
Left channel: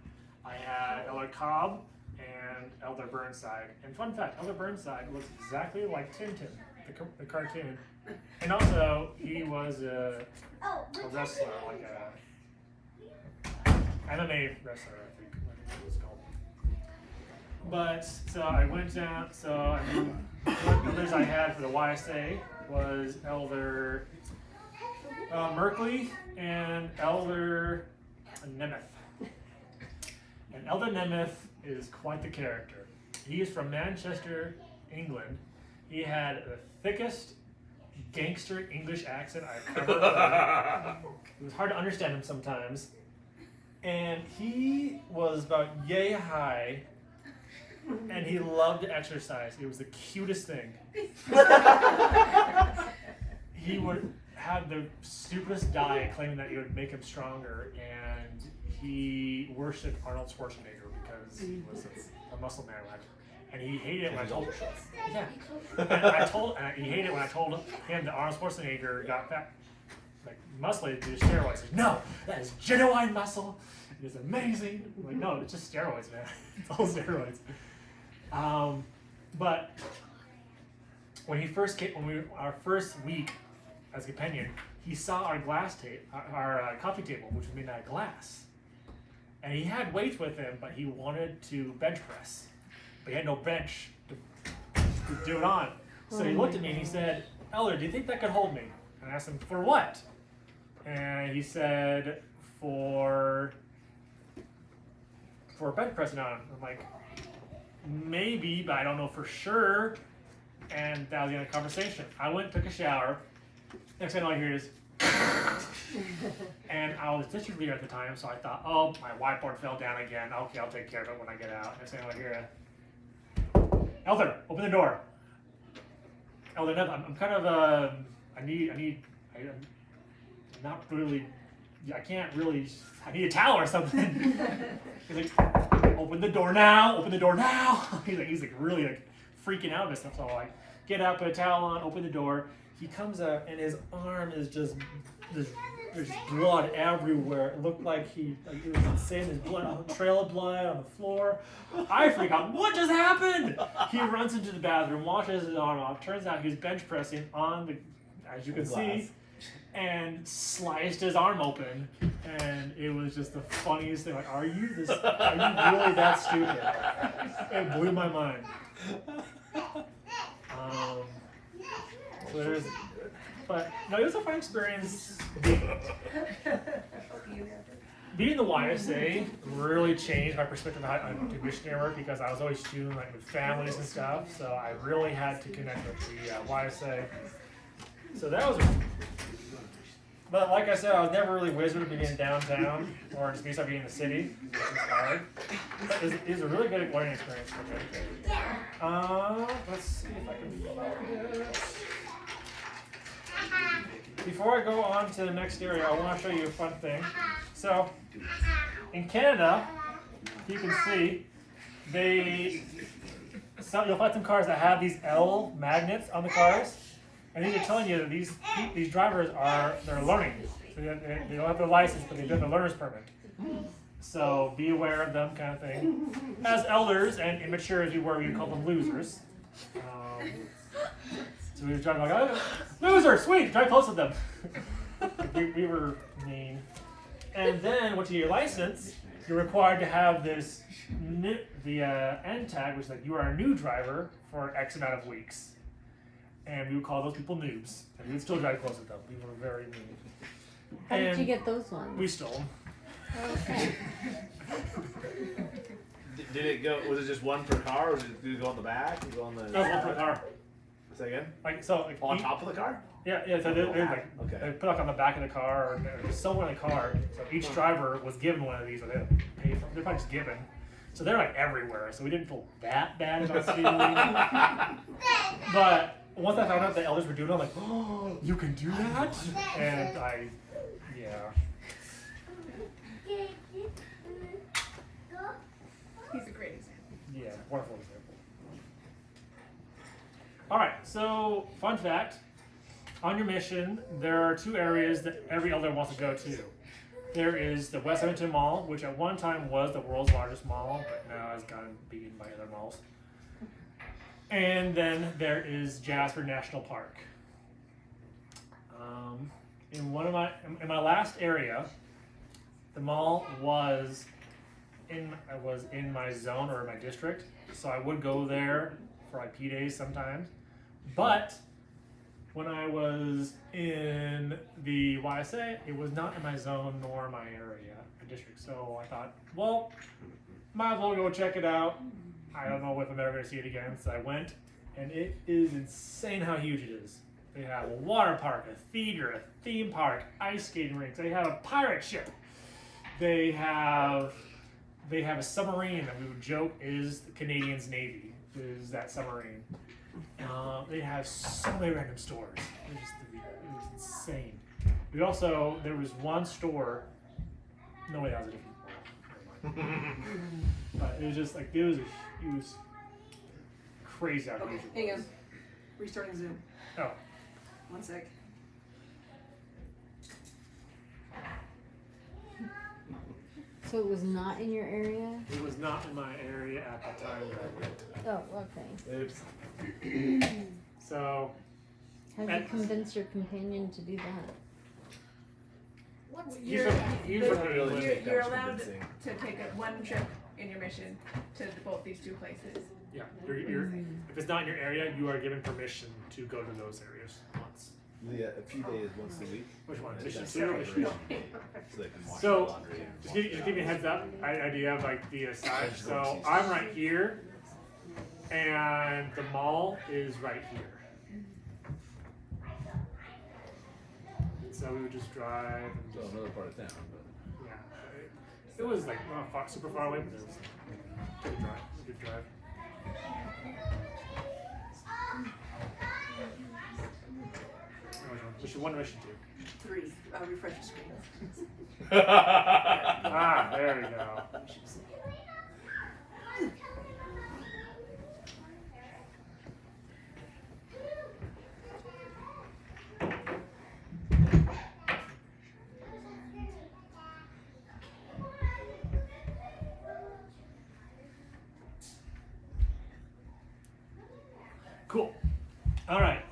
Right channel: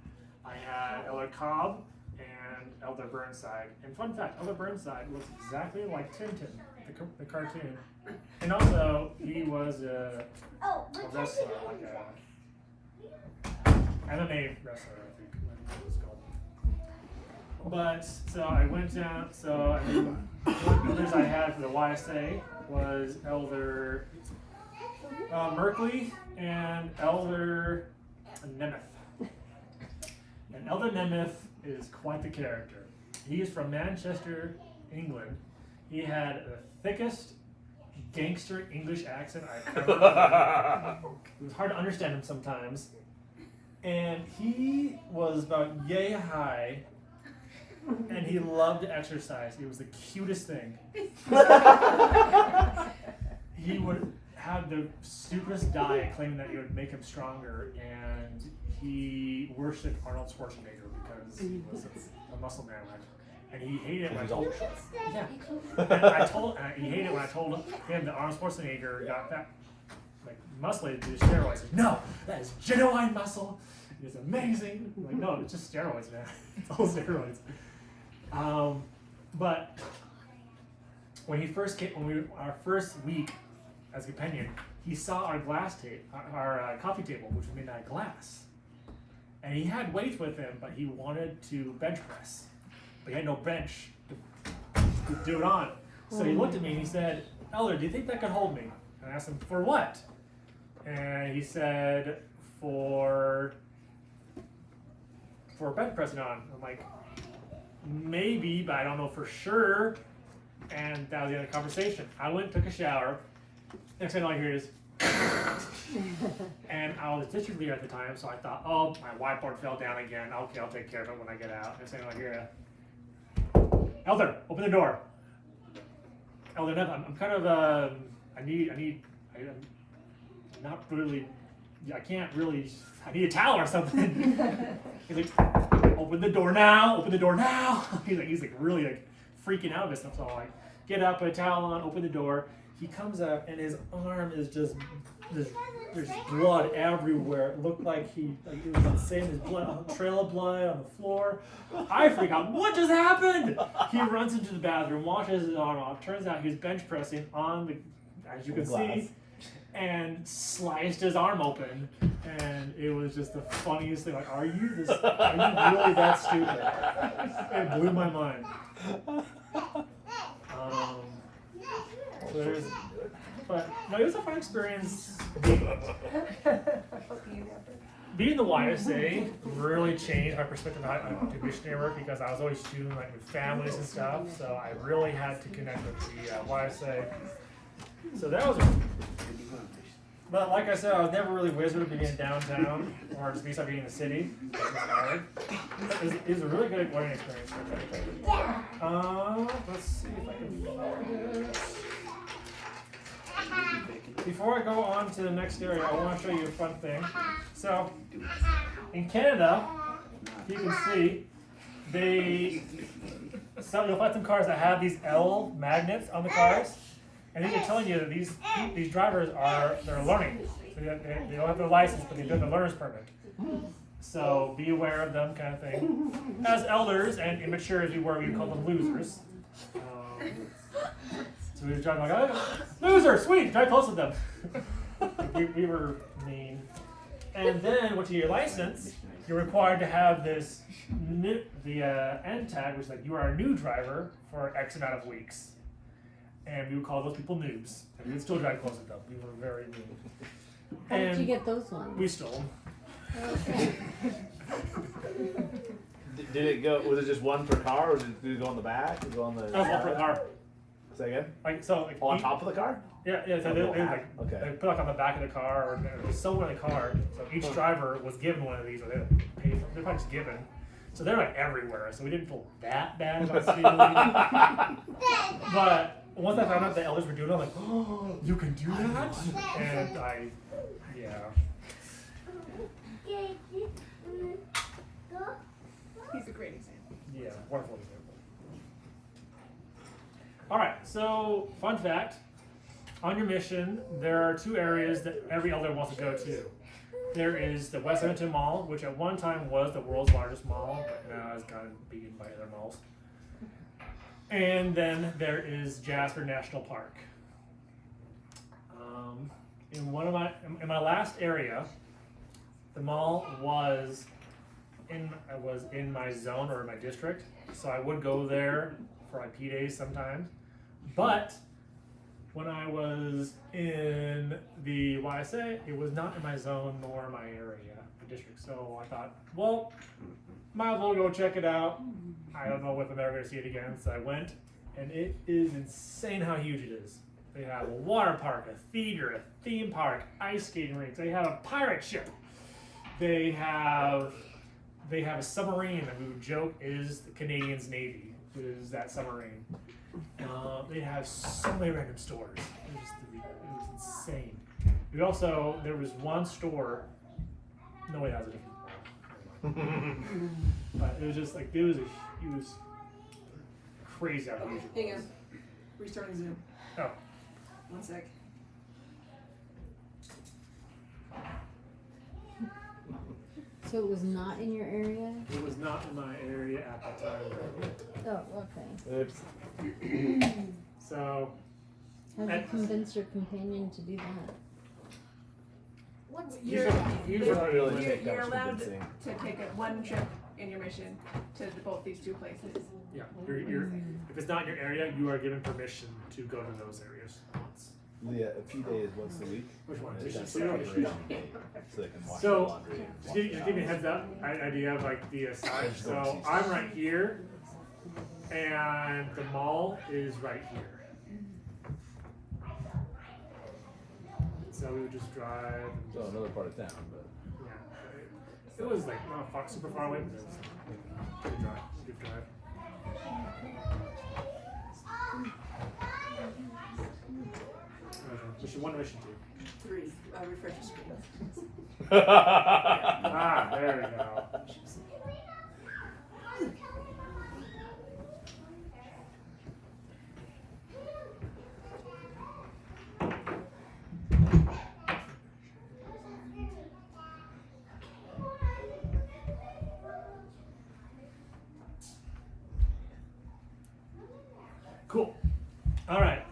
I had Elder Cobb and Elder Burnside. And fun fact, Elder Burnside looks exactly like Tintin, the cartoon. And also, he was a wrestler, like a MMA wrestler, I think it was called. But, so I went down, what elders I had for the YSA was Elder Merkley and Elder Nemeth. And Elder Nemeth is quite the character. He is from Manchester, England. He had the thickest gangster English accent I've ever heard. It was hard to understand him sometimes. And he was about yay high, and he loved to exercise. It was the cutest thing. He would have the stupidest diet claiming that it would make him stronger, and he worshipped Arnold Schwarzenegger because he was a muscle man. And he hated it when I told him. Yeah. And he hated it when I told him that Arnold Schwarzenegger got fat, like muscly to do steroids. Like, no, that is genuine muscle. It's amazing. I'm like, no, it's just steroids, man. It's all steroids. But when he first came, our first week as a companion, he saw our our coffee table, which was made out of glass. And he had weights with him, but he wanted to bench press. But he had no bench to do it on. So he looked at me and he said, Elder, do you think that could hold me? And I asked him, for what? And he said, for bench pressing on. I'm like, maybe, but I don't know for sure. And that was the end of the conversation. I went and took a shower. Next thing all I hear is, and I was district leader at the time, so I thought, oh, my whiteboard fell down again. Okay, I'll take care of it when I get out. Next thing I hear, Elder, open the door. Elder, I'm kind of, I'm not really, I can't really, I need a towel or something. He's like, open the door now, open the door now. He's like really like freaking out of this stuff. So I get up, put a towel on, open the door. He comes up and his arm is just, there's blood everywhere. It looked like it was insane. There's blood, a trail of blood on the floor. I freak out. What just happened? He runs into the bathroom, washes his arm off. Turns out he was bench pressing on the, as you can see, and sliced his arm open. And it was just the funniest thing. Like, are you really that stupid? It blew my mind. So there's, but no, it was a fun experience. Being in the YSA really changed my perspective on missionary work because I was always shooting like with families and stuff. So I really had to connect with the YSA. So that was. But like I said, I was never really wizard of being in downtown or just being in the city. It was hard. But it's a really good learning experience for me. Let's see if I can find it. Before I go on to the next area, I want to show you a fun thing. So, in Canada, you can see you'll find some cars that have these L magnets on the cars, and these are telling you that these drivers they're learning. So they don't have their license, but they've done the learner's permit. So be aware of them, kind of thing. As elders and immature as we were, we would call them losers. So we were driving like, oh, loser, sweet, drive close with them. we were mean. And then once you get your license, you're required to have the N tag, which is like you are a new driver for X amount of weeks. And we would call those people noobs. And we would still drive close with them. We were very mean. How did you get those ones? We stole them. Okay. Did it go? Was it just one per car, or did it go on the back? Did it go on the? No, one per car. Say again. Like On top of the car? Yeah. So Okay. they put it on the back of the car, or there's somewhere in the car. So each driver was given one of these, or they had to pay for. They're probably just given. So they're like everywhere. So we didn't feel that bad about stealing. But once I found out the elders were doing it, I'm like, oh, you can do that? And yeah. He's a great example. Yeah, wonderful example. All right, so fun fact. On your mission, there are two areas that every elder wants to go to. There is the West Edmonton Mall, which at one time was the world's largest mall, but now has gotten beaten by other malls. And then there is Jasper National Park. In my last area, the mall was in my zone or my district, so I would go there for like P days sometimes. But when I was in the YSA, it was not in my zone nor my area, my district. So I thought, well, might as well go check it out. I don't know if I'm ever going to see it again. So I went, and it is insane how huge it is. They have a water park, a theater, a theme park, ice skating rinks. They have a pirate ship. They have a submarine that we would joke is the Canadian's Navy, is that submarine. They have so many random stores. It was insane. There was one store. No way, that was a different mall. But it was just like it was crazy how huge it was. Hang on. Restarting Zoom. Oh. 1 sec. So it was not in your area? It was not in my area at the time. Oh, okay. Oops. So. How did you convince your companion to do that? What's He's your from Really England. take You're that allowed convincing. to take one trip in your mission to both these two places. Yeah, if it's not in your area, you are given permission to go to those areas once. Yeah, a few days once a week. Which one? It's Mission just Zero, separation, Mission so they can wash So, their laundry. just give you a heads up, idea of like the side. So I'm right here, and the mall is right here. So we would just drive. And So just, another part of town, but. yeah, it was like not super far away, but it was a good drive. It was a good drive. Mission 1 to Mission 2. 3. Refresh your screen. Ah, there we go. Cool. All right.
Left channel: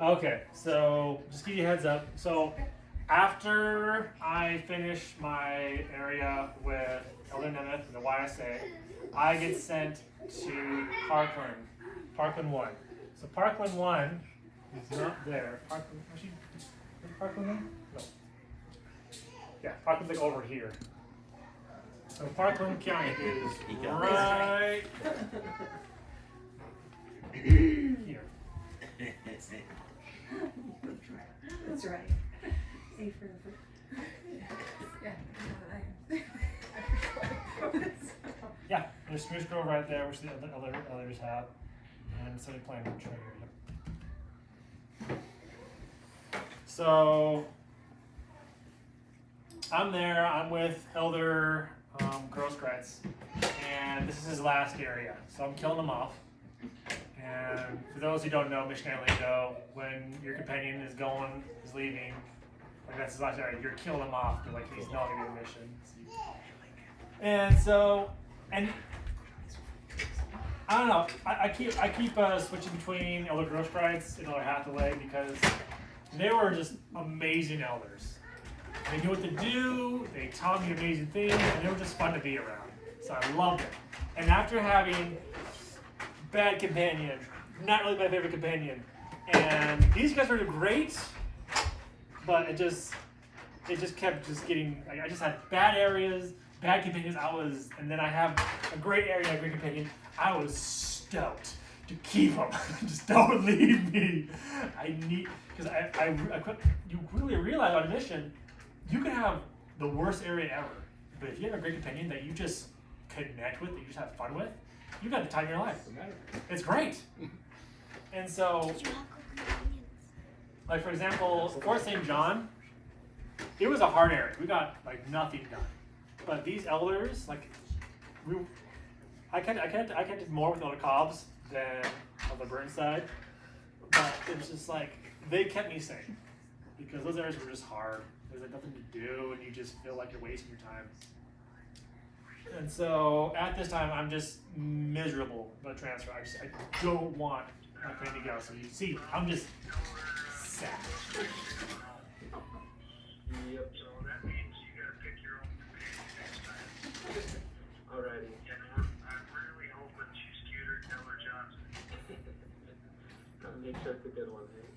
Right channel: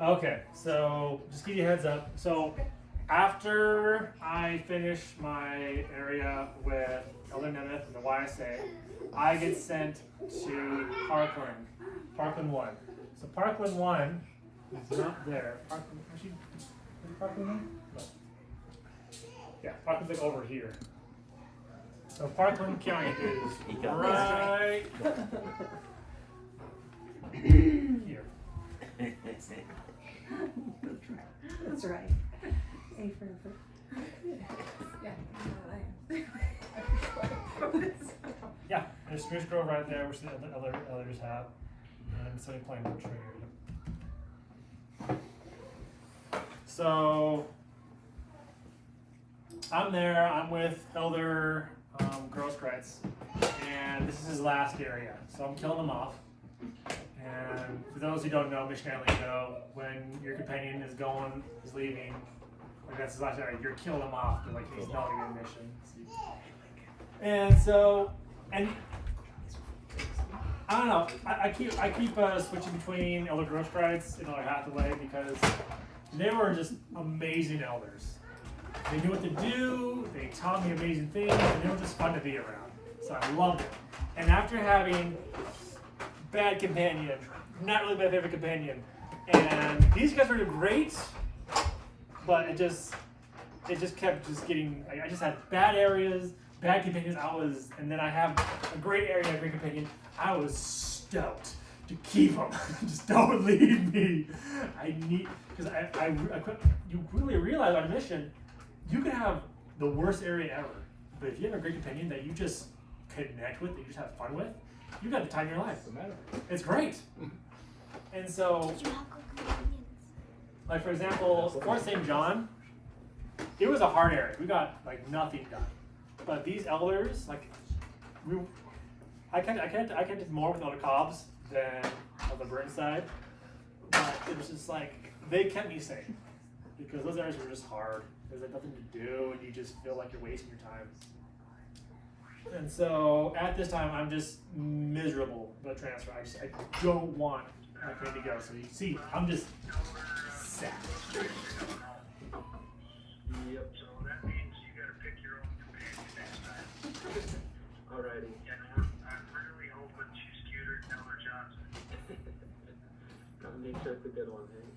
Okay, so just give you a heads up. So after I finish my area with Elder Nemeth and the YSA, I get sent to Parkland, Parkland 1. So Parkland 1 is not there. Parkland, actually, is Parkland there? No. Yeah, Parkland's like over here. So Parkland County is right here. That's right. A for effort. Yeah, there's Spruce Grove right there, which the others have, and Sunny Plain right here. So I'm there. I'm with Elder Grosskreutz, and this is his last area. So I'm killing him off. And for those who don't know, missionary lingo, when your companion is leaving, like that's his last area, you're killing him off. They're like he's not gonna get a mission. And so, and I don't know. I keep switching between Elder Grosskreutz and Elder Hathaway because they were just amazing elders. They knew what to do. They taught me amazing things, and they were just fun to be around. So I loved it. And after having bad companion, not really my favorite companion, and these guys were great, but it just kept getting. I just had bad areas. Bad companions, and then I have a great area, a great companion. I was stoked to keep them. Just don't leave me. I need, because you really realize on a mission, you can have the worst area ever, but if you have a great companion that you just connect with, that you just have fun with, you got the time of your life. It's great. And so, like for example, Fort St. John, it was a hard area. We got like nothing done. But these elders, like, I connected more with Elder Cobbs than Elder Burnside. But it was just like, they kept me safe. Because those areas were just hard. There's like nothing to do, and you just feel like you're wasting your time. And so, at this time, I'm just miserable about transfer. I don't want my friend to go. So you see, I'm just sad. Yep. So that means you got to pick your own companion next time. Alrighty. And I'm really hoping she's cuter than Elder Johnson. Gotta make sure it's a good one, hey?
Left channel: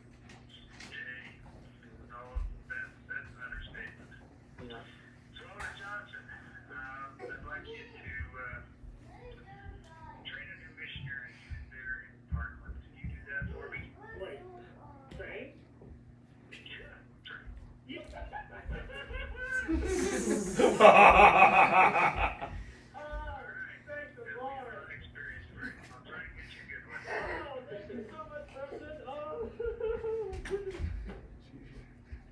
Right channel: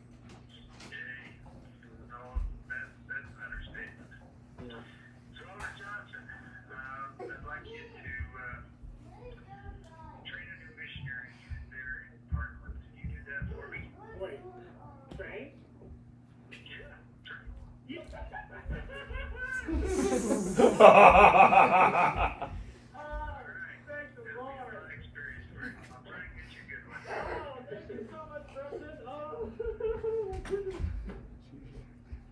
Hey, no, that's an understatement. Yeah. So Elder Johnson, I'd like you to train a new missionary there in Parkland. Can you do that for me? Wait, train? Yeah, train.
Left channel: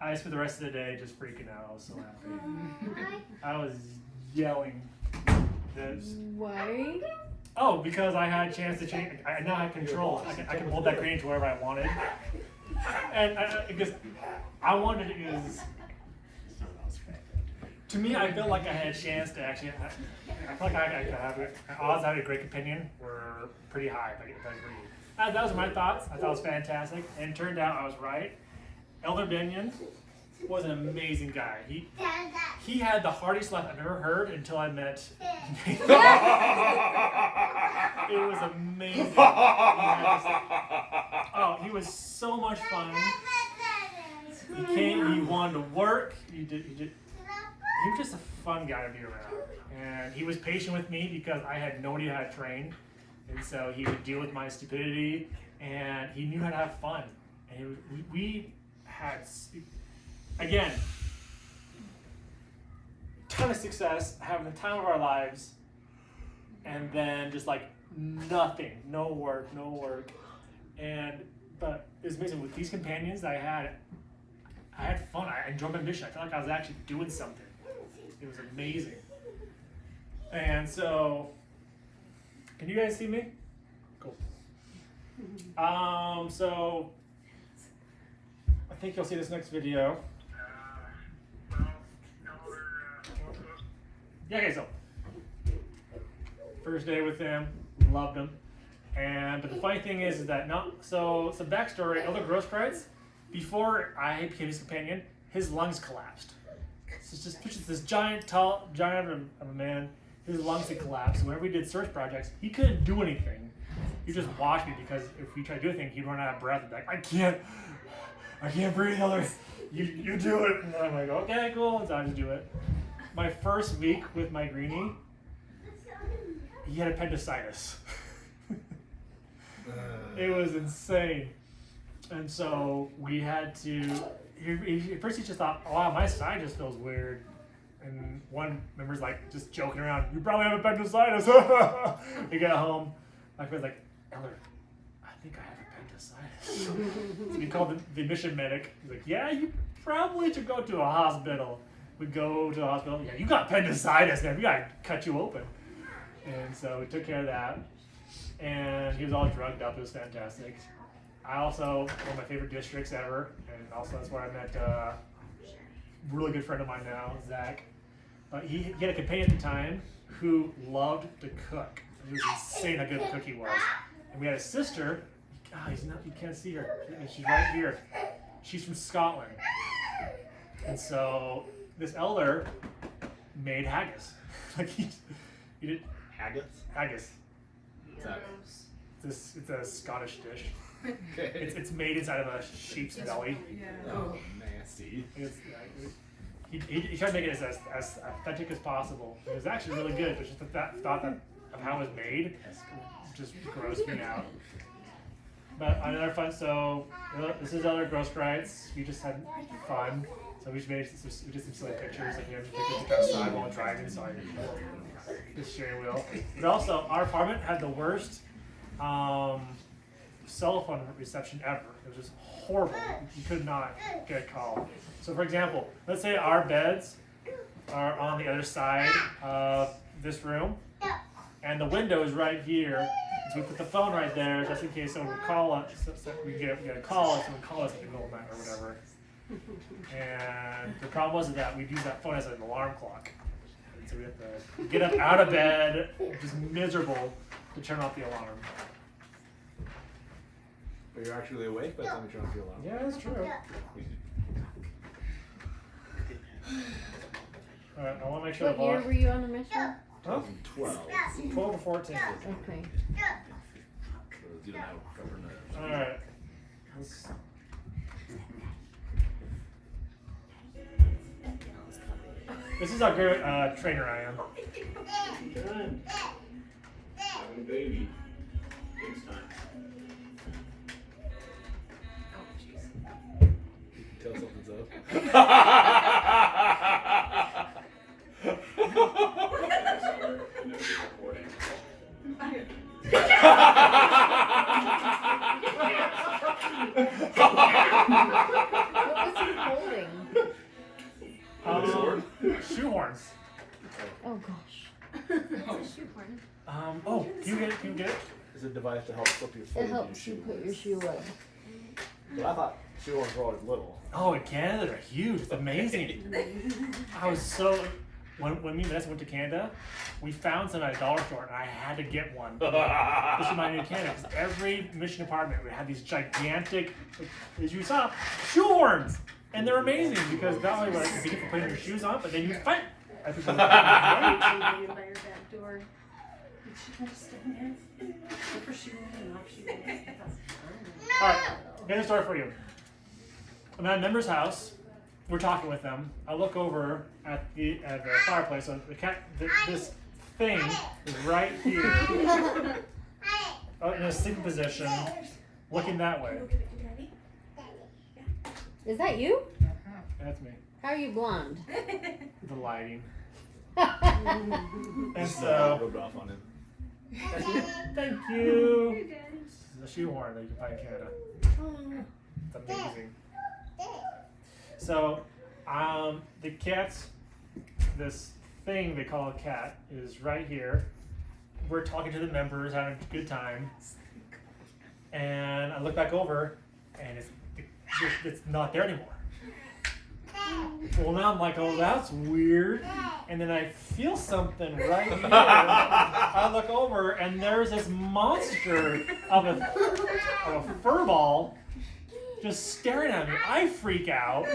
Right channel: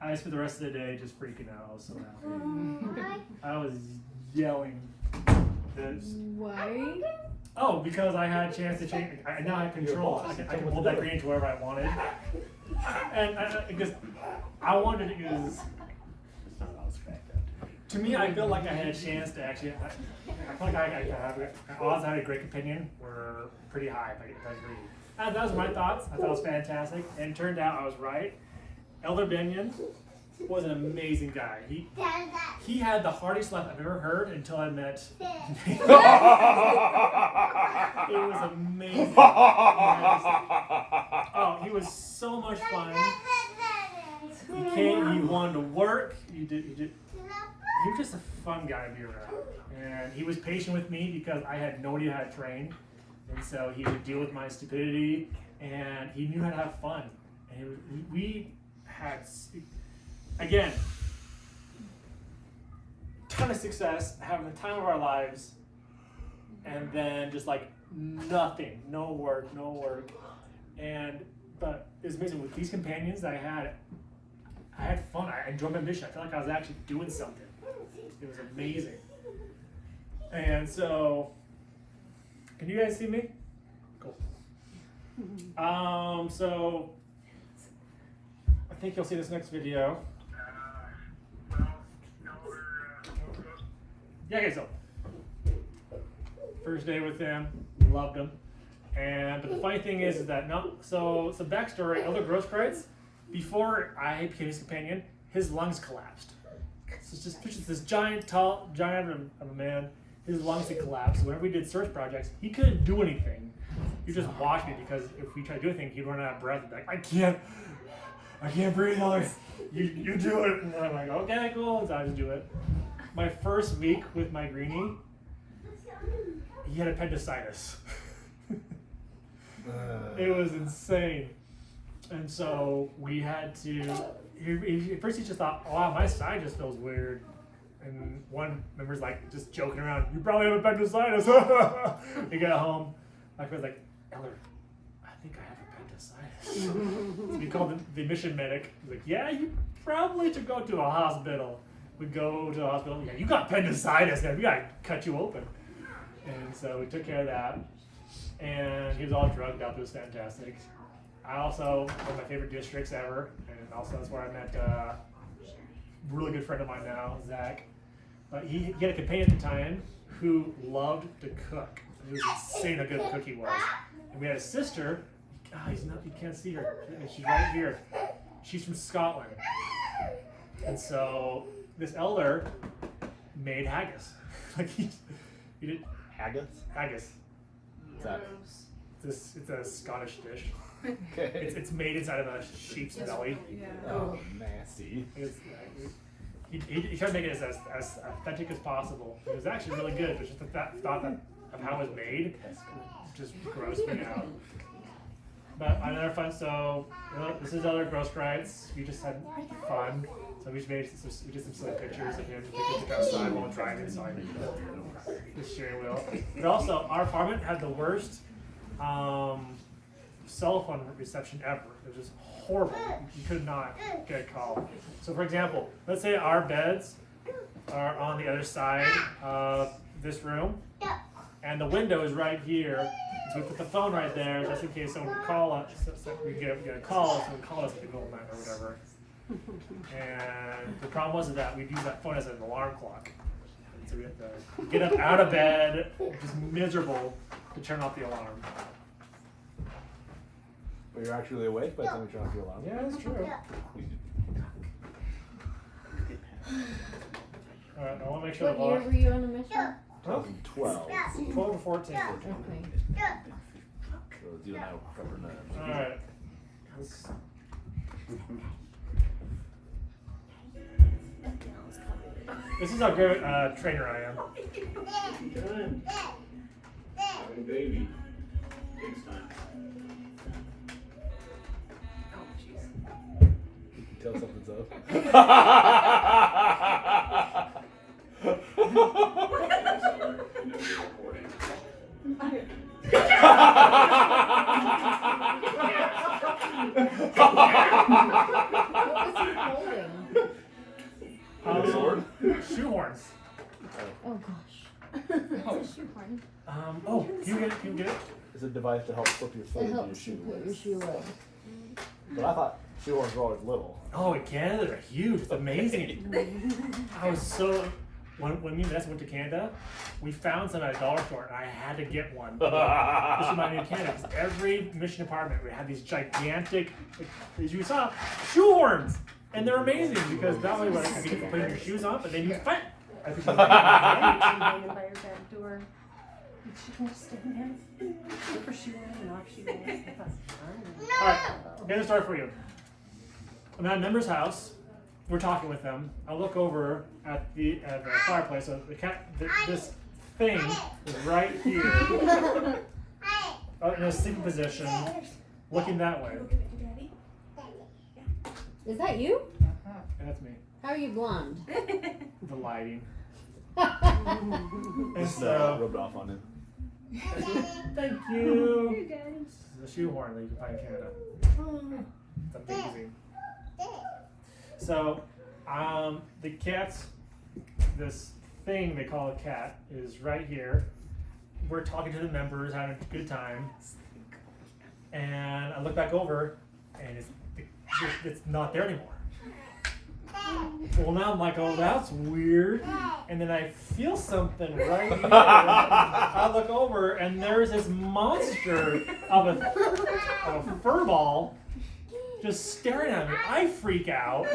I spent the rest of the day just freaking out. I was so happy. I was yelling. Why? Oh, because I had a chance to change. I now had control. I can mold that gradient to wherever I wanted. And because I wanted it, because to me, I felt like I had a chance to actually. I felt like I could have odds. I had a great opinion were pretty high if I agreed. That was my thoughts. I thought it was fantastic, and it turned out I was right. Elder Benyon was an amazing guy. He had the hardest life I've ever heard until I met. It was amazing. He was so much fun. He came. He wanted to work. He was just a fun guy to be around, and he was patient with me because I had no idea how to train, and so he would deal with my stupidity, and he knew how to have fun, and we had, again, ton of success, having the time of our lives, and then just like nothing, no work, but it was amazing with these companions that I had fun. I enjoyed my mission. I felt like I was actually doing something. It was amazing. And so, can you guys see me? Cool. So I think you'll see this next video. Yeah, okay, so first day with him, loved him. But the funny thing is that so backstory, Elder Grosskreutz, before I became his companion, his lungs collapsed. So it's just this giant of a man. His lungs had collapsed. Whenever we did search projects, he couldn't do anything. He just watched me because if we tried to do anything, he'd run out of breath and be like, I can't breathe, Elder. You do it. And I'm like, okay, cool. And so I just do it. My first week with my greenie, he had appendicitis. It was insane. And so we had to, at first he just thought, oh, wow, my side just feels weird. And one member's like just joking around, you probably have appendicitis. We got home, my friend's like, Elder, I think I have appendicitis. So we called the mission medic. He's like, yeah, you probably should go to a hospital. We go to the hospital, yeah, you got appendicitis, man, we gotta cut you open. And so we took care of that. And he was all drugged up, it was fantastic. I also, one of my favorite districts ever, and also that's where I met a really good friend of mine now, Zach. He had a companion at the time who loved to cook. It was insane how good a cook he was. And we had a sister, you can't see her, she's right here. She's from Scotland. And so this elder made haggis. Like he did Haggis? haggis. Gross. It's a Scottish dish. Okay. It's made inside of a sheep's belly. Yeah. Oh, nasty. He tried to make it as authentic as possible. It was actually really good, but just the thought of how it was made just grossed me out. But another fun, so this is other Gross Rights. We just had fun. So we did some silly pictures of him taking a picture outside while driving, so I the steering wheel. But also, our apartment had the worst cell phone reception ever. It was just horrible. You could not get a call. So for example, let's say our beds are on the other side of this room, and the window is right here. So we put the phone right there just in case someone would call us. So we get a call, and someone would call us at the middle of the night or whatever. And the problem was that we'd use that phone as an alarm clock. And so we have to get up out of bed, just miserable, to turn off the alarm. But you're actually awake by the time you turn off your alarm. Yeah, that's true. Alright, I want to make sure What the year volume. were you on a mission? Huh? 12. 12 to 14. Okay. So you and I will cover that. Alright. This is how great a trainer I am. Done. Having a baby. Next time. Tell something's up. I know you're recording. What was he holding? Shoehorns. Oh gosh. Oh, can you get it? It's a device to help slip your foot It into your helps you shoe. put your shoe away. But I thought shoehorns were always little. Oh, in Canada, they're huge. It's amazing. I was so. When me and Vanessa went to Canada, we found some at a dollar store, and I had to get one. This reminded me of Canada, because every mission department would have these gigantic, like, as you saw, shoehorns, and they're amazing because not only would I be for putting your shoes on, but then you fight. I think By your back door. She can just stand there. Look for shoes and off shoes. All right, here's a story for you. I'm at a member's house. We're talking with them. I look over at the fireplace. So this thing is right here, in a sleeping position, looking that way. Is that you? That's me. How are you blonde? The lighting. And And Just so, rubbed off on him. thank you. This is a shoehorn that you can find in Canada. It's amazing. So, the cat's, this thing they call a cat is right here. We're talking to the members, having a good time. And I look back over, and it's not there anymore. Well, now I'm like, oh, that's weird. And then I feel something right here. I look over, and there's this monster of a fur ball just staring at me. I freak out.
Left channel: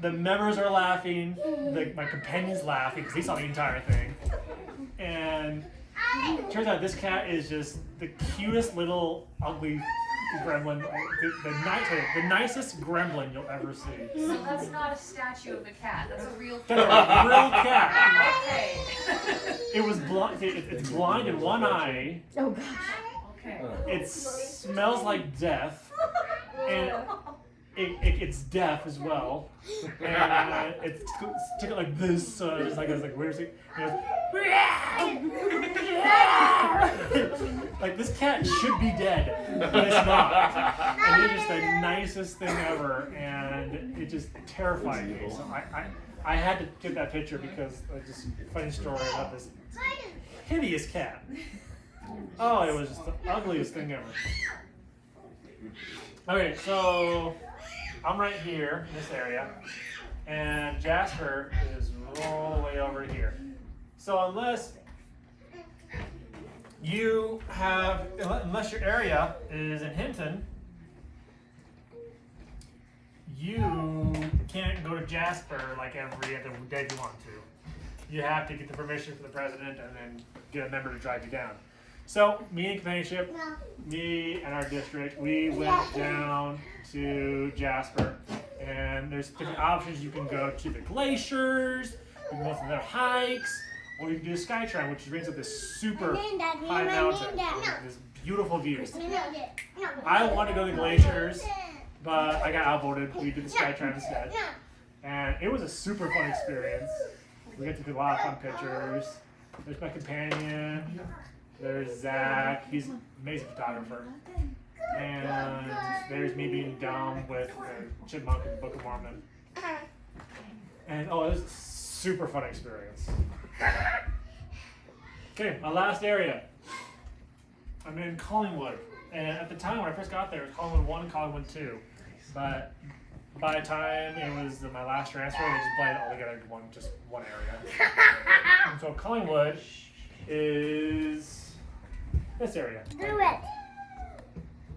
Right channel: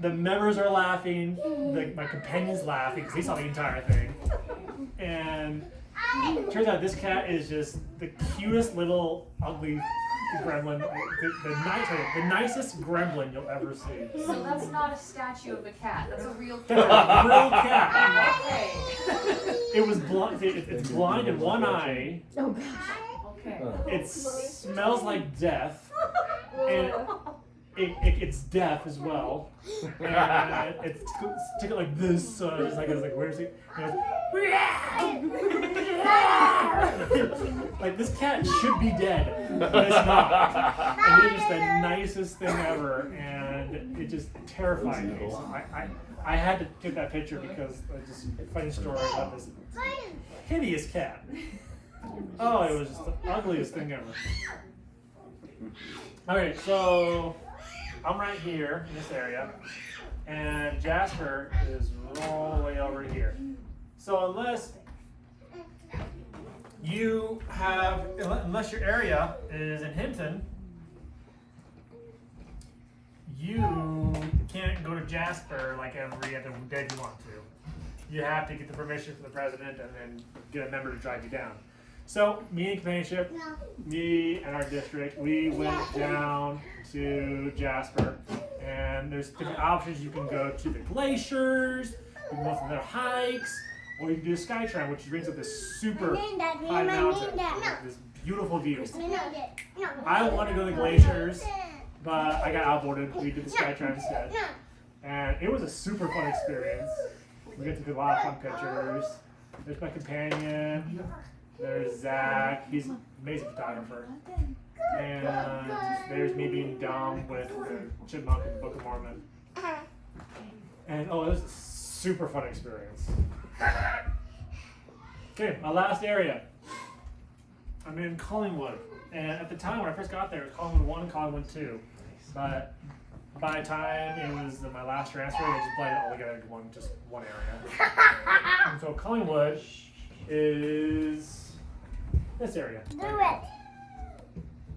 the members are laughing, my companion's laughing because he saw the entire thing. And it turns out this cat is just the cutest little ugly gremlin, the nicest gremlin you'll ever see. So that's not a statue of a cat. That's a real That's cat. a real cat. Okay. It was blind. It's blind in one eye. Oh gosh. Okay. It smells like death, and it's deaf as well. And it's sticking like this, so it's like where's it? Like this cat should be dead, but it's not. And it's just the nicest thing ever, and it just terrified me. So I had to get that picture because just a funny story about this hideous cat. Oh, it was just the ugliest thing ever. Okay, so I'm right here in this area, and Jasper is all the way over here. So unless your area is in Hinton, you can't go to Jasper like every other day you want to. You have to get the permission from the president and then get a member to drive you down. So me and Companionship, me and our district, we went down to Jasper, and there's different options. You can go to the glaciers, you can go on their hikes, or you can do Skytrain, which brings up this super high mountain with this beautiful view. I want to go to the glaciers, but I got outvoted. We did the Skytrain instead, and it was a super fun experience. We get to do a lot of fun pictures. There's my companion. There's Zach. He's an amazing photographer. And there's me being dumb with the chipmunk in the Book of Mormon. And it was a super fun experience. Okay, my last area. I'm in Collingwood. And at the time when I first got there, it was Collingwood 1 and Collingwood 2. But by the time it was my last transfer, they just blended it all together into one area. And so Collingwood is this area.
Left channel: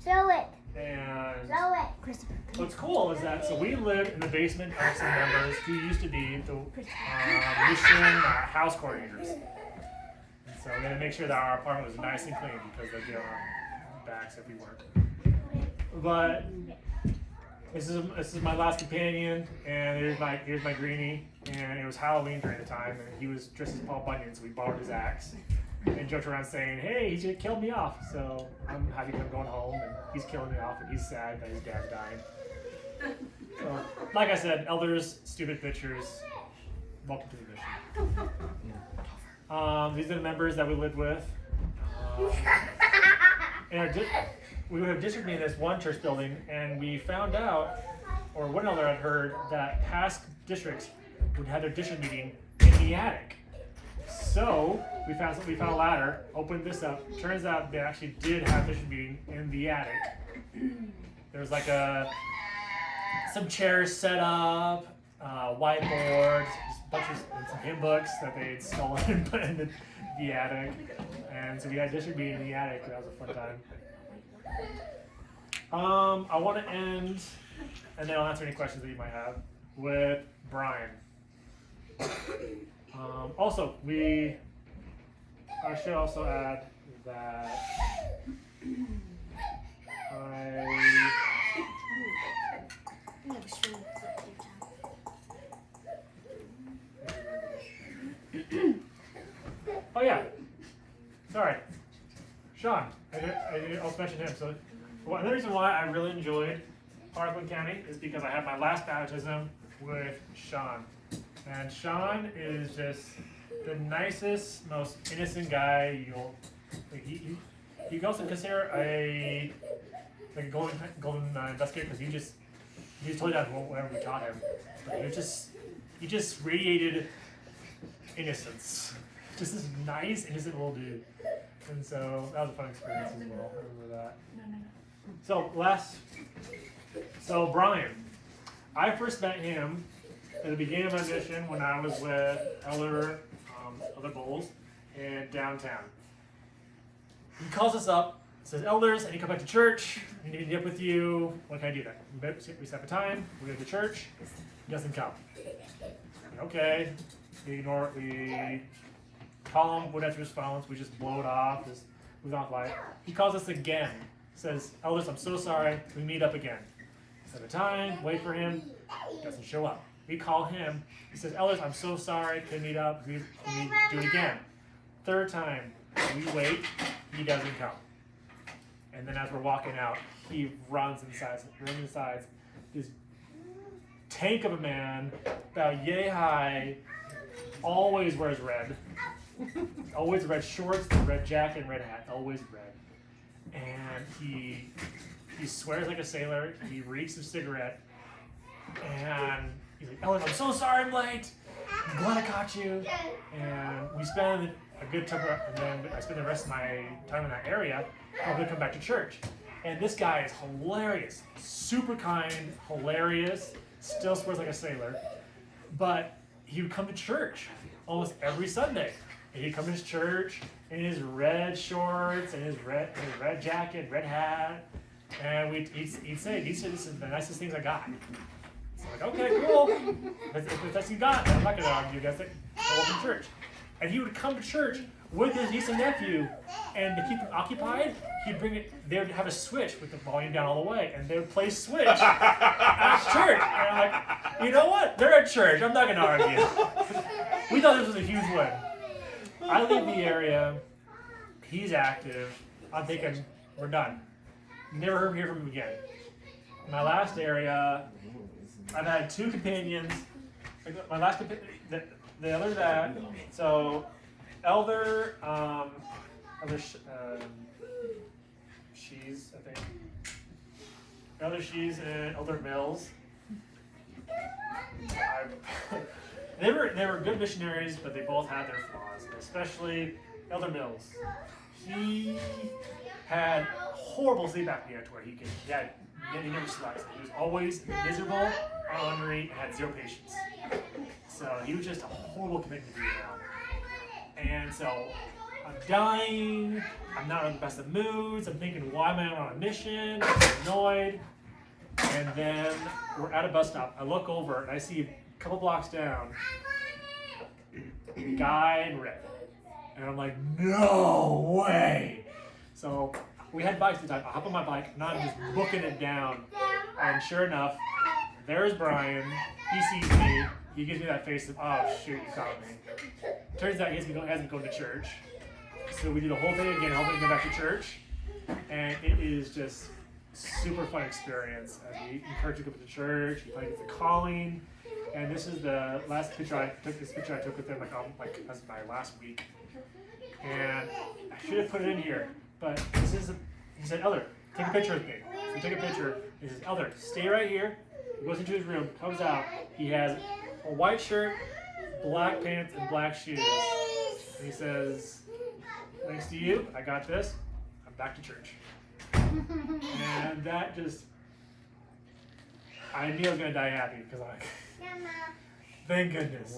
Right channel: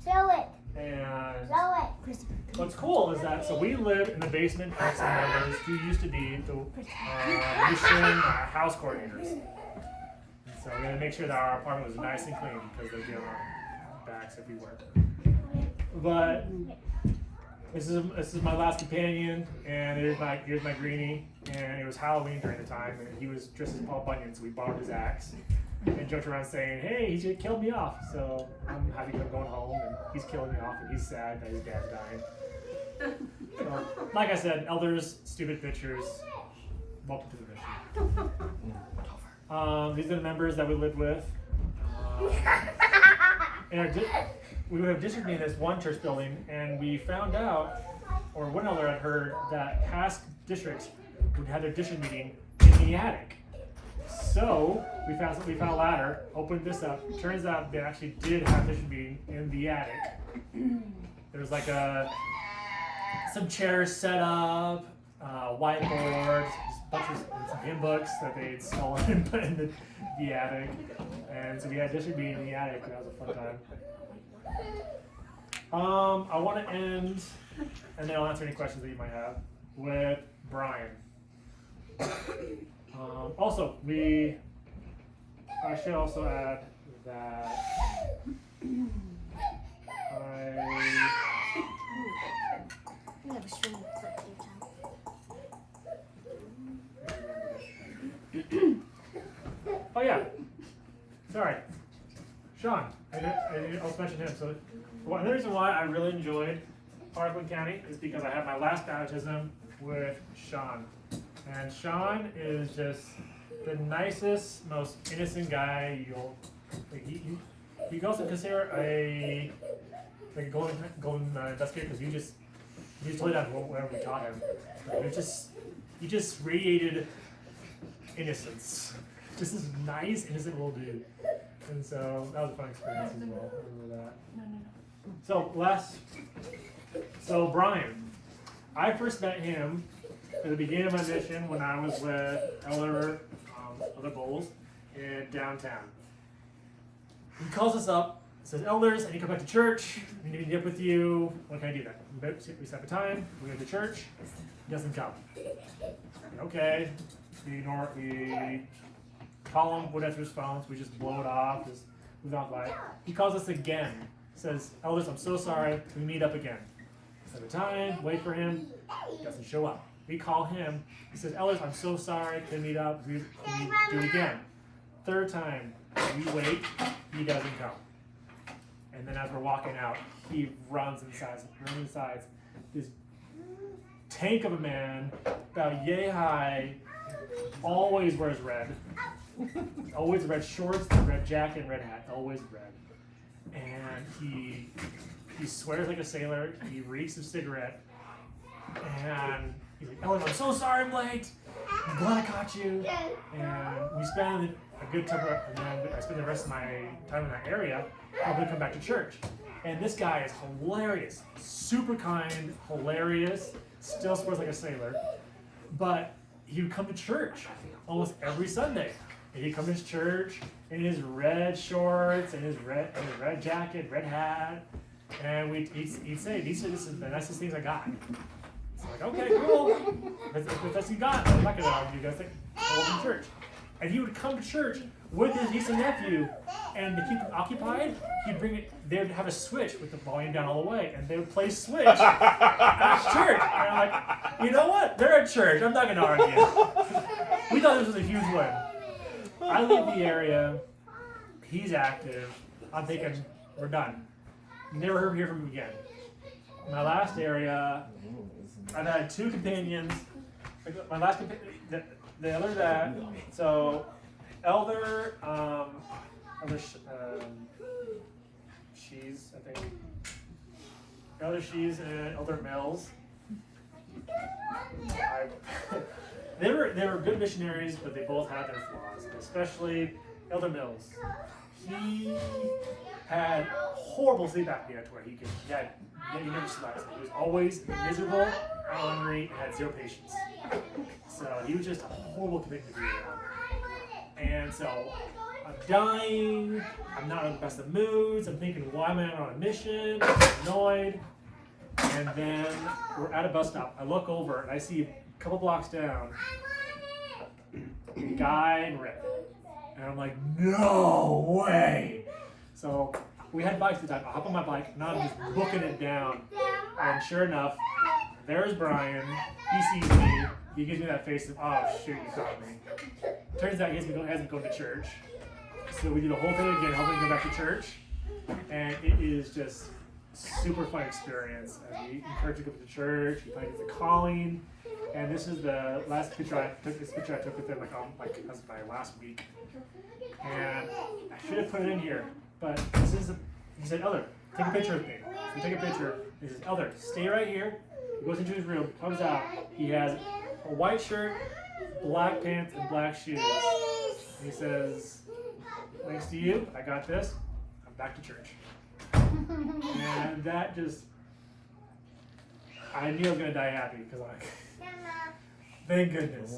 Show it. And Show it. what's cool is that, so we live in the basement of some members who used to be the mission house coordinators. And so we had to make sure that our apartment was nice and clean because they get on our backs everywhere. But this is my last companion, and here's my greenie, and it was Halloween during the time, and he was dressed as Paul Bunyan, so we borrowed his axe. And joked around saying, hey, he's just killed me off. So I'm happy I'm going home, and he's killing me off, and he's sad that his dad's dying. So, like I said, elders, stupid bitchers, welcome to the mission. These are the members that we lived with. We would have district meeting in this one church building, and we found out, or one elder had heard, that past districts would have their district meeting in the attic. So we found a ladder, opened this up. Turns out they actually did have a district meeting in the attic. There was like some chairs set up, whiteboards, just a bunch of some hymn books that they had stolen and put in the attic. And so we had a district meeting in the attic. That was a fun time. I want to end, and then I'll answer any questions that you might have, with Brian. Also, I should also add that oh yeah, sorry, Sean, I also mentioned him. So the reason why I really enjoyed Parkland County is because I had my last baptism with Sean. And Sean is just the nicest, most innocent guy he goes to consider a golden investigator because he just totally does whatever we taught him. But he just radiated innocence. Just this nice, innocent little dude. And so that was a fun experience as well. I remember that. So Brian, I first met him at the beginning of my mission when I was with other bulls in downtown. He calls us up, says, elders, I need to come back to church. I need to meet up with you. When can I do that? We set up a time, we go to church, He doesn't come. Okay, we ignore it. We call him, wouldn't answer his phones. We just blow it off. Just move on by it. He calls us again. Says, Elders, I'm so sorry. Can we meet up again? Set a time. Wait for him. Doesn't show up. We call him. He says, Elders, I'm so sorry. Can we meet up? Can we do it again? Third time. We wait. He doesn't come. And then as we're walking out, he runs inside. This tank of a man, about yay high, always wears red. Always red shorts, red jacket, red hat. Always red. And he swears like a sailor. He reeks of cigarette. And he's like, "Oh, I'm so sorry I'm late. I'm glad I caught you." And we spend a good time, and then I spend the rest of my time in that area. Probably come back to church. And this guy is hilarious, super kind, hilarious. Still swears like a sailor. But he would come to church almost every Sunday. And he'd come to his church in his red shorts and his red jacket, red hat. And he'd say, "This is the nicest things I got." It's like, okay, cool. If that's what you got, I'm not going to argue. That's it. Welcome to church. And he would come to church with his niece and nephew, and to keep them occupied, he'd bring it. They would have a switch with the volume down all the way, and they would play Switch at church. And I'm like, you know what? They're at church. I'm not going to argue. We thought this was a huge win. I leave the area. He's active. I'm thinking, we're done. Never hear from him again. My last area, I've had 2 companions. My last companion, the other that, so Elder, Shees, I think. Elder Shees and Elder Mills. They were good missionaries, but they both had their flaws. Especially Elder Mills. He had horrible sleep apnea to where he never slept. He was always miserable, ornery, and had 0 patience. So he was just a horrible commitment to be around. And so I'm dying. I'm not in the best of moods. I'm thinking, why am I on a mission? I'm annoyed. And then we're at a bus stop. I look over and I see a couple blocks down, a guy in red. And I'm like, no way. So we had bikes at the time. I hop on my bike and I'm just booking it down. And sure enough, there's Brian. He sees me. He gives me that face of, oh shoot, you caught me. Turns out he hasn't been going to church. So we do the whole thing again, helping him go back to church. And it is just super fun experience. As we encourage you to go to church, he finds the calling. And this is the last picture I took. This picture I took with him as my last week. And I should have put it in here, but he said, Elder, take a picture with me. So we take a picture. He says, Elder, stay right here. He goes into his room, comes out. He has a white shirt, black pants, and black shoes. And he says, thanks to you, I got this. I'm back to church. And that just, I knew I was going to die happy because I'm like, thank goodness.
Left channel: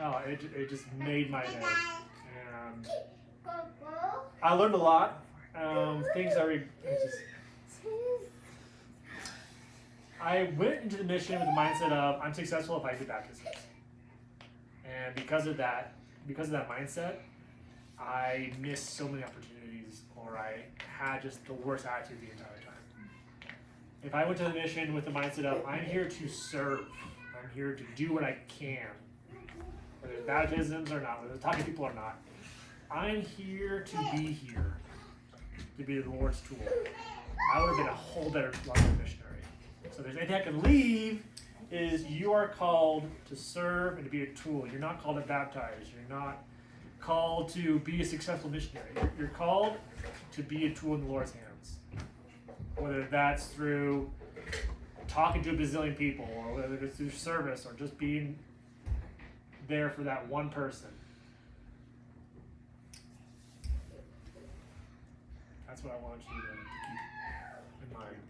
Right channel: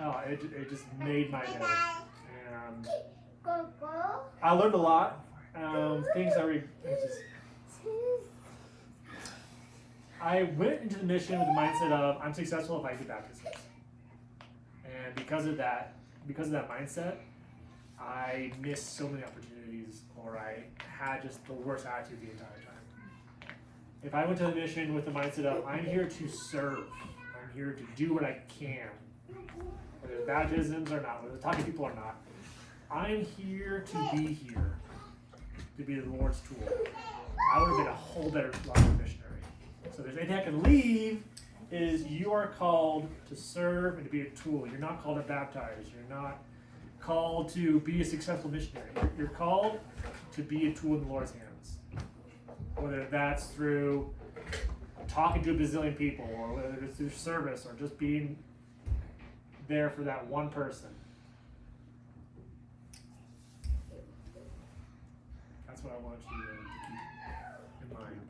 Oh, it just made my day. And I learned a lot. Things I went into the mission with the mindset of I'm successful if I do baptisms. And because of that mindset, I missed so many opportunities, or I had just the worst attitude the entire time. If I went to the mission with the mindset of I'm here to serve, I'm here to do what I can, whether it's baptisms or not, whether it's talking to people or not, I'm here to be here, to be the Lord's tool, I would have been a whole better missionary. So if there's anything I can leave, is you are called to serve and to be a tool. You're not called to baptize. You're not called to be a successful missionary. You're called to be a tool in the Lord's hands. Whether that's through talking to a bazillion people, or whether it's through service, or just being there for that one person. That's what I want you to keep in mind.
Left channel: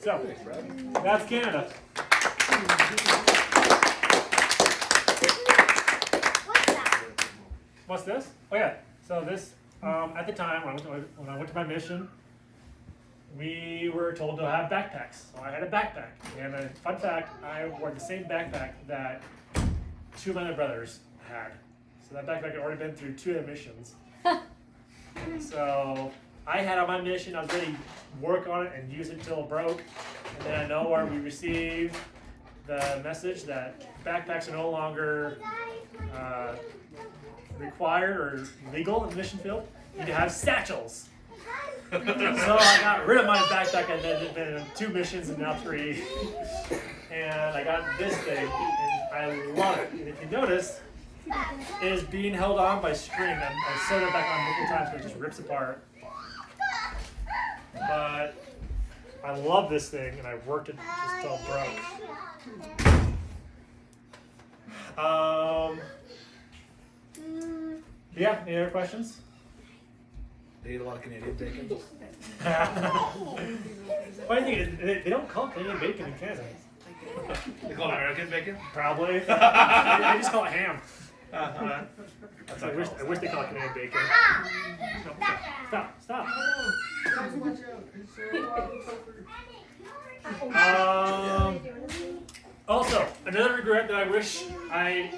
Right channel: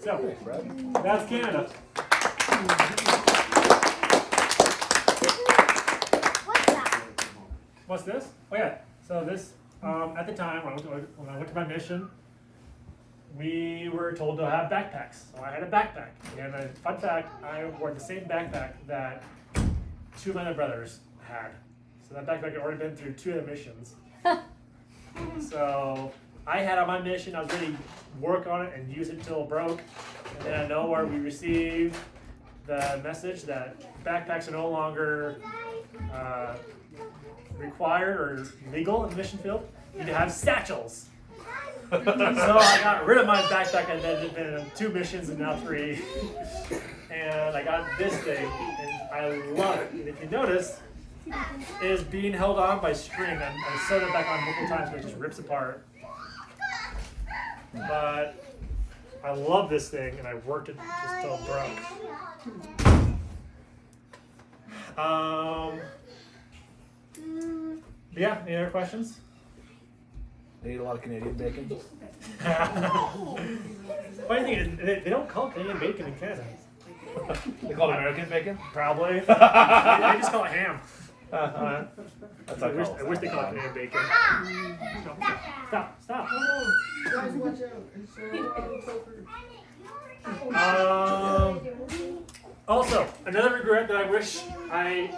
So, that's Canada. What's this? Oh yeah. So this, at the time when I went to my mission, we were told to have backpacks. So I had a backpack. And a fun fact, I wore the same backpack that 2 of my other brothers had. So that backpack had already been through 2 of the missions. So I had on my mission, I was ready to work on it and use it until it broke. And then I know where we received the message that backpacks are no longer required or legal in the mission field. You need to have satchels. So I got rid of my backpack and then it's been 2 missions and now 3. And I got this thing and I love it. And if you notice, it is being held on by string. I sewed it back on multiple times because it just rips apart. But I love this thing and I worked it just till it broke. Yeah, any other questions? They eat a lot of Canadian bacon. Funny thing is, they don't call it Canadian bacon in Canada. They call it American bacon? Probably. They just call it ham. That's I wish they called it Canadian bacon. Stop. Also, another regret that I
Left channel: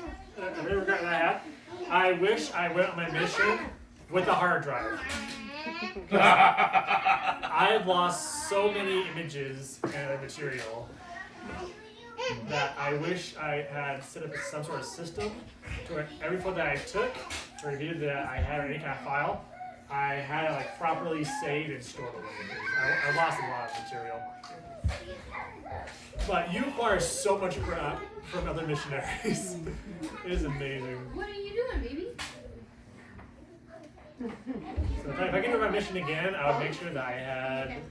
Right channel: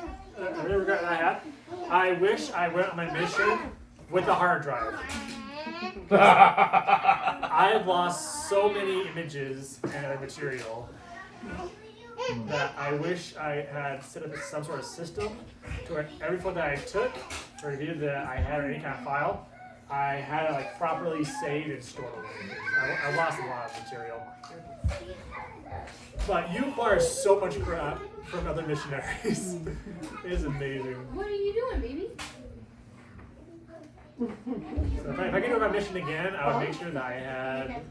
had, I wish I went on my mission with a hard drive. I have lost so many images and material that I wish I had set up some sort of system to where every photo that I took or video that I had or any kind of file, I had it like properly saved and stored away. I lost a lot of material. But you acquire so much crap from other missionaries. It is amazing. What are you doing, baby? So if I could do my mission again, I would make sure that I had.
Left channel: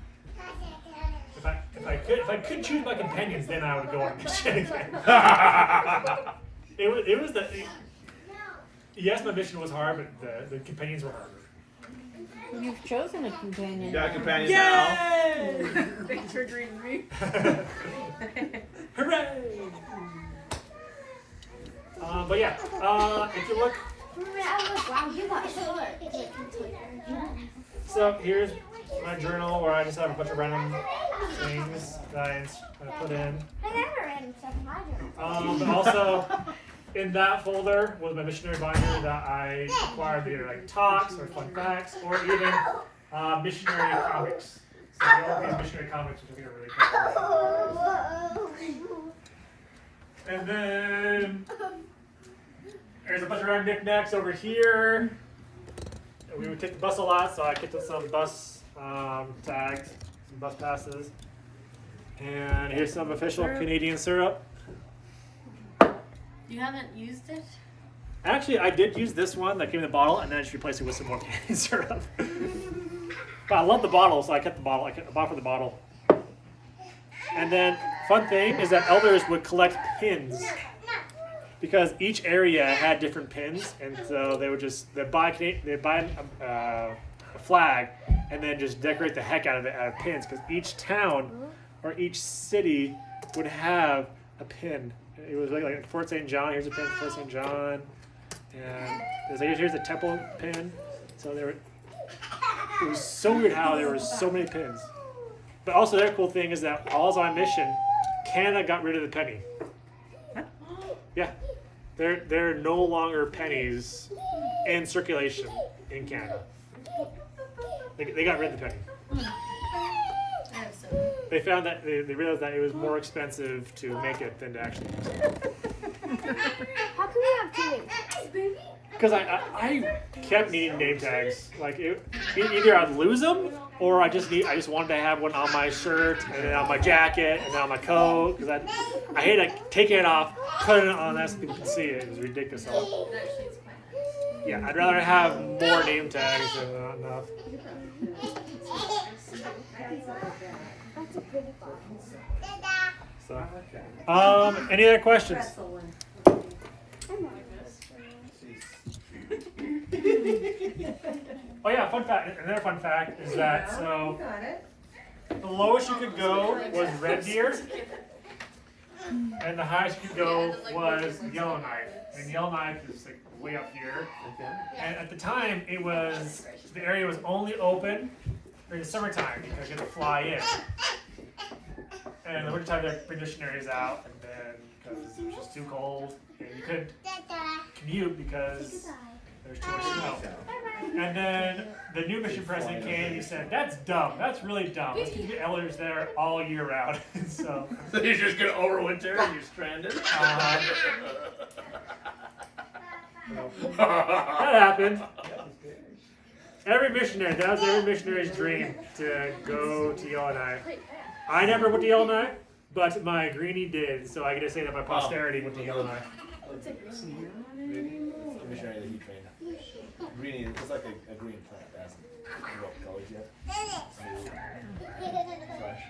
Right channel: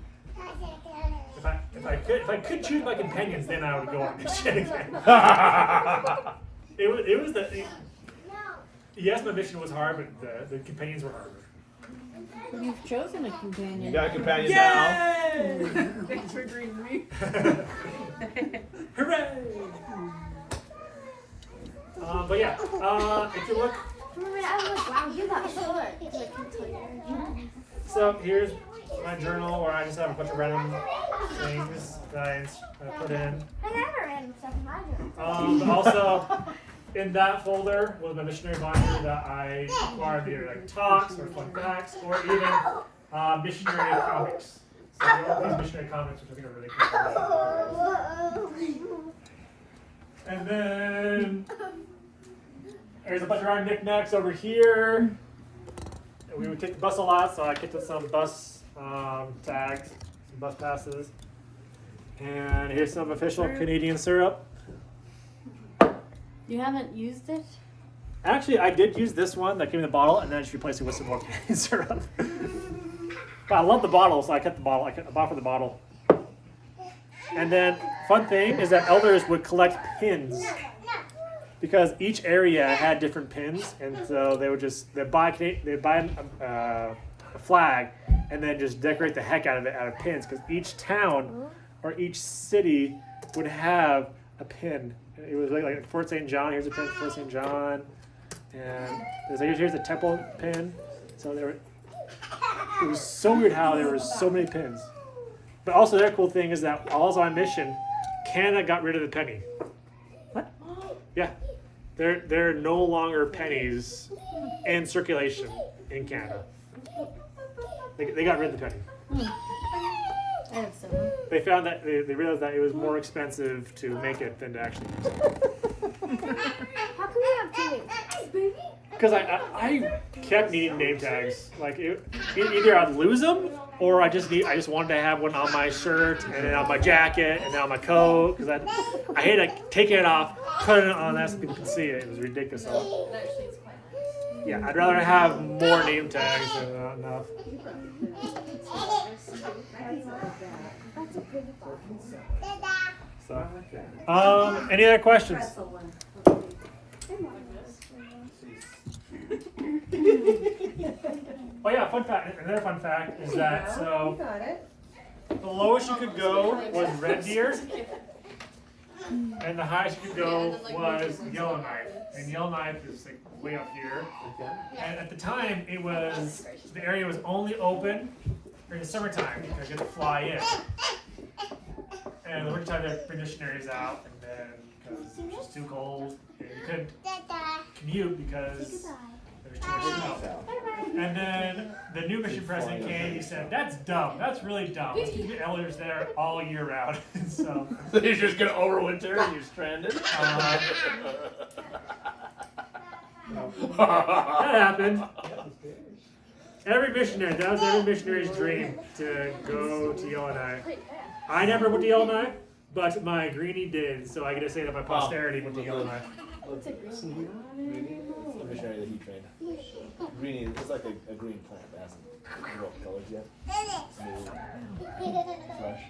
If I could choose my companions, then I would go on a mission again. It was the. Yes, my mission was hard, but the companions were harder. You've chosen a companion. You got a companion now. Thanks for agreeing with me. Hooray! But yeah, if you look. For a minute, I was like, wow, you got short. So here's my journal where I just have a bunch of random things that I put in. I never random stuff in my journal. But also in that folder was my missionary binder that I acquired either like talks or fun facts or even missionary comics. So all these missionary comics, which I think are really cool. And then there's a bunch of random knickknacks over here. We would take the bus a lot, so I get some bus tags, some bus passes. And here's some official Canadian syrup. You haven't used it? Actually, I did use this one that came in the bottle, and then I just replaced it with some more Canadian syrup. But I love the bottle, so I kept the bottle. I bought for the bottle. And then, fun thing is that elders would collect pins. Because each area had different pins, and so they would buy a flag and then just decorate the heck out of it out of pins. Because each town or each city would have a pin. It was like Fort St. John. Here's a pin for Fort St. John, and here's a temple pin. So it was so weird how there were so many pins. But also, the other cool thing is that while I was on mission, Canada got rid of the penny. Yeah. There are no longer pennies in circulation in Canada. They got rid of the penny. I have some. They found that they realized that it was more expensive to make it than to actually use it. How can we have 2 names? Because I kept needing name tags. Like either I'd lose them or I just wanted to have one on my shirt and then on my jacket and then on my coat because I hate like taking it off, putting it on that so people can see it. It was ridiculous. It actually is quite nice. Yeah, I'd rather have more name tags than not enough. That's a pretty box. So, any other questions? Oh yeah, fun fact. Another fun fact is that so the lowest you could go was red deer, and the highest you could go was Yellowknife. And Yellowknife is like way up here. And at the time, the area was only open during the summertime because you have to fly in. And in the wintertime, they bring missionaries out, and then because it was too cold, and you couldn't commute because there's too much snow. And then the new mission president came, he said, "That's dumb. That's really dumb. Let's keep the elders there all year round." So you're just gonna overwinter and you're stranded. That happened. Every missionary, that was every missionary's dream to go to Yellowknife. I never went to Yellowknife, but my greenie did, so I get to say that my posterity went to Yellowknife. What's a greenie? Greenie? It's the missionary that he trained. Greenie is like a green plant that hasn't developed colors yet. Smooth, fresh.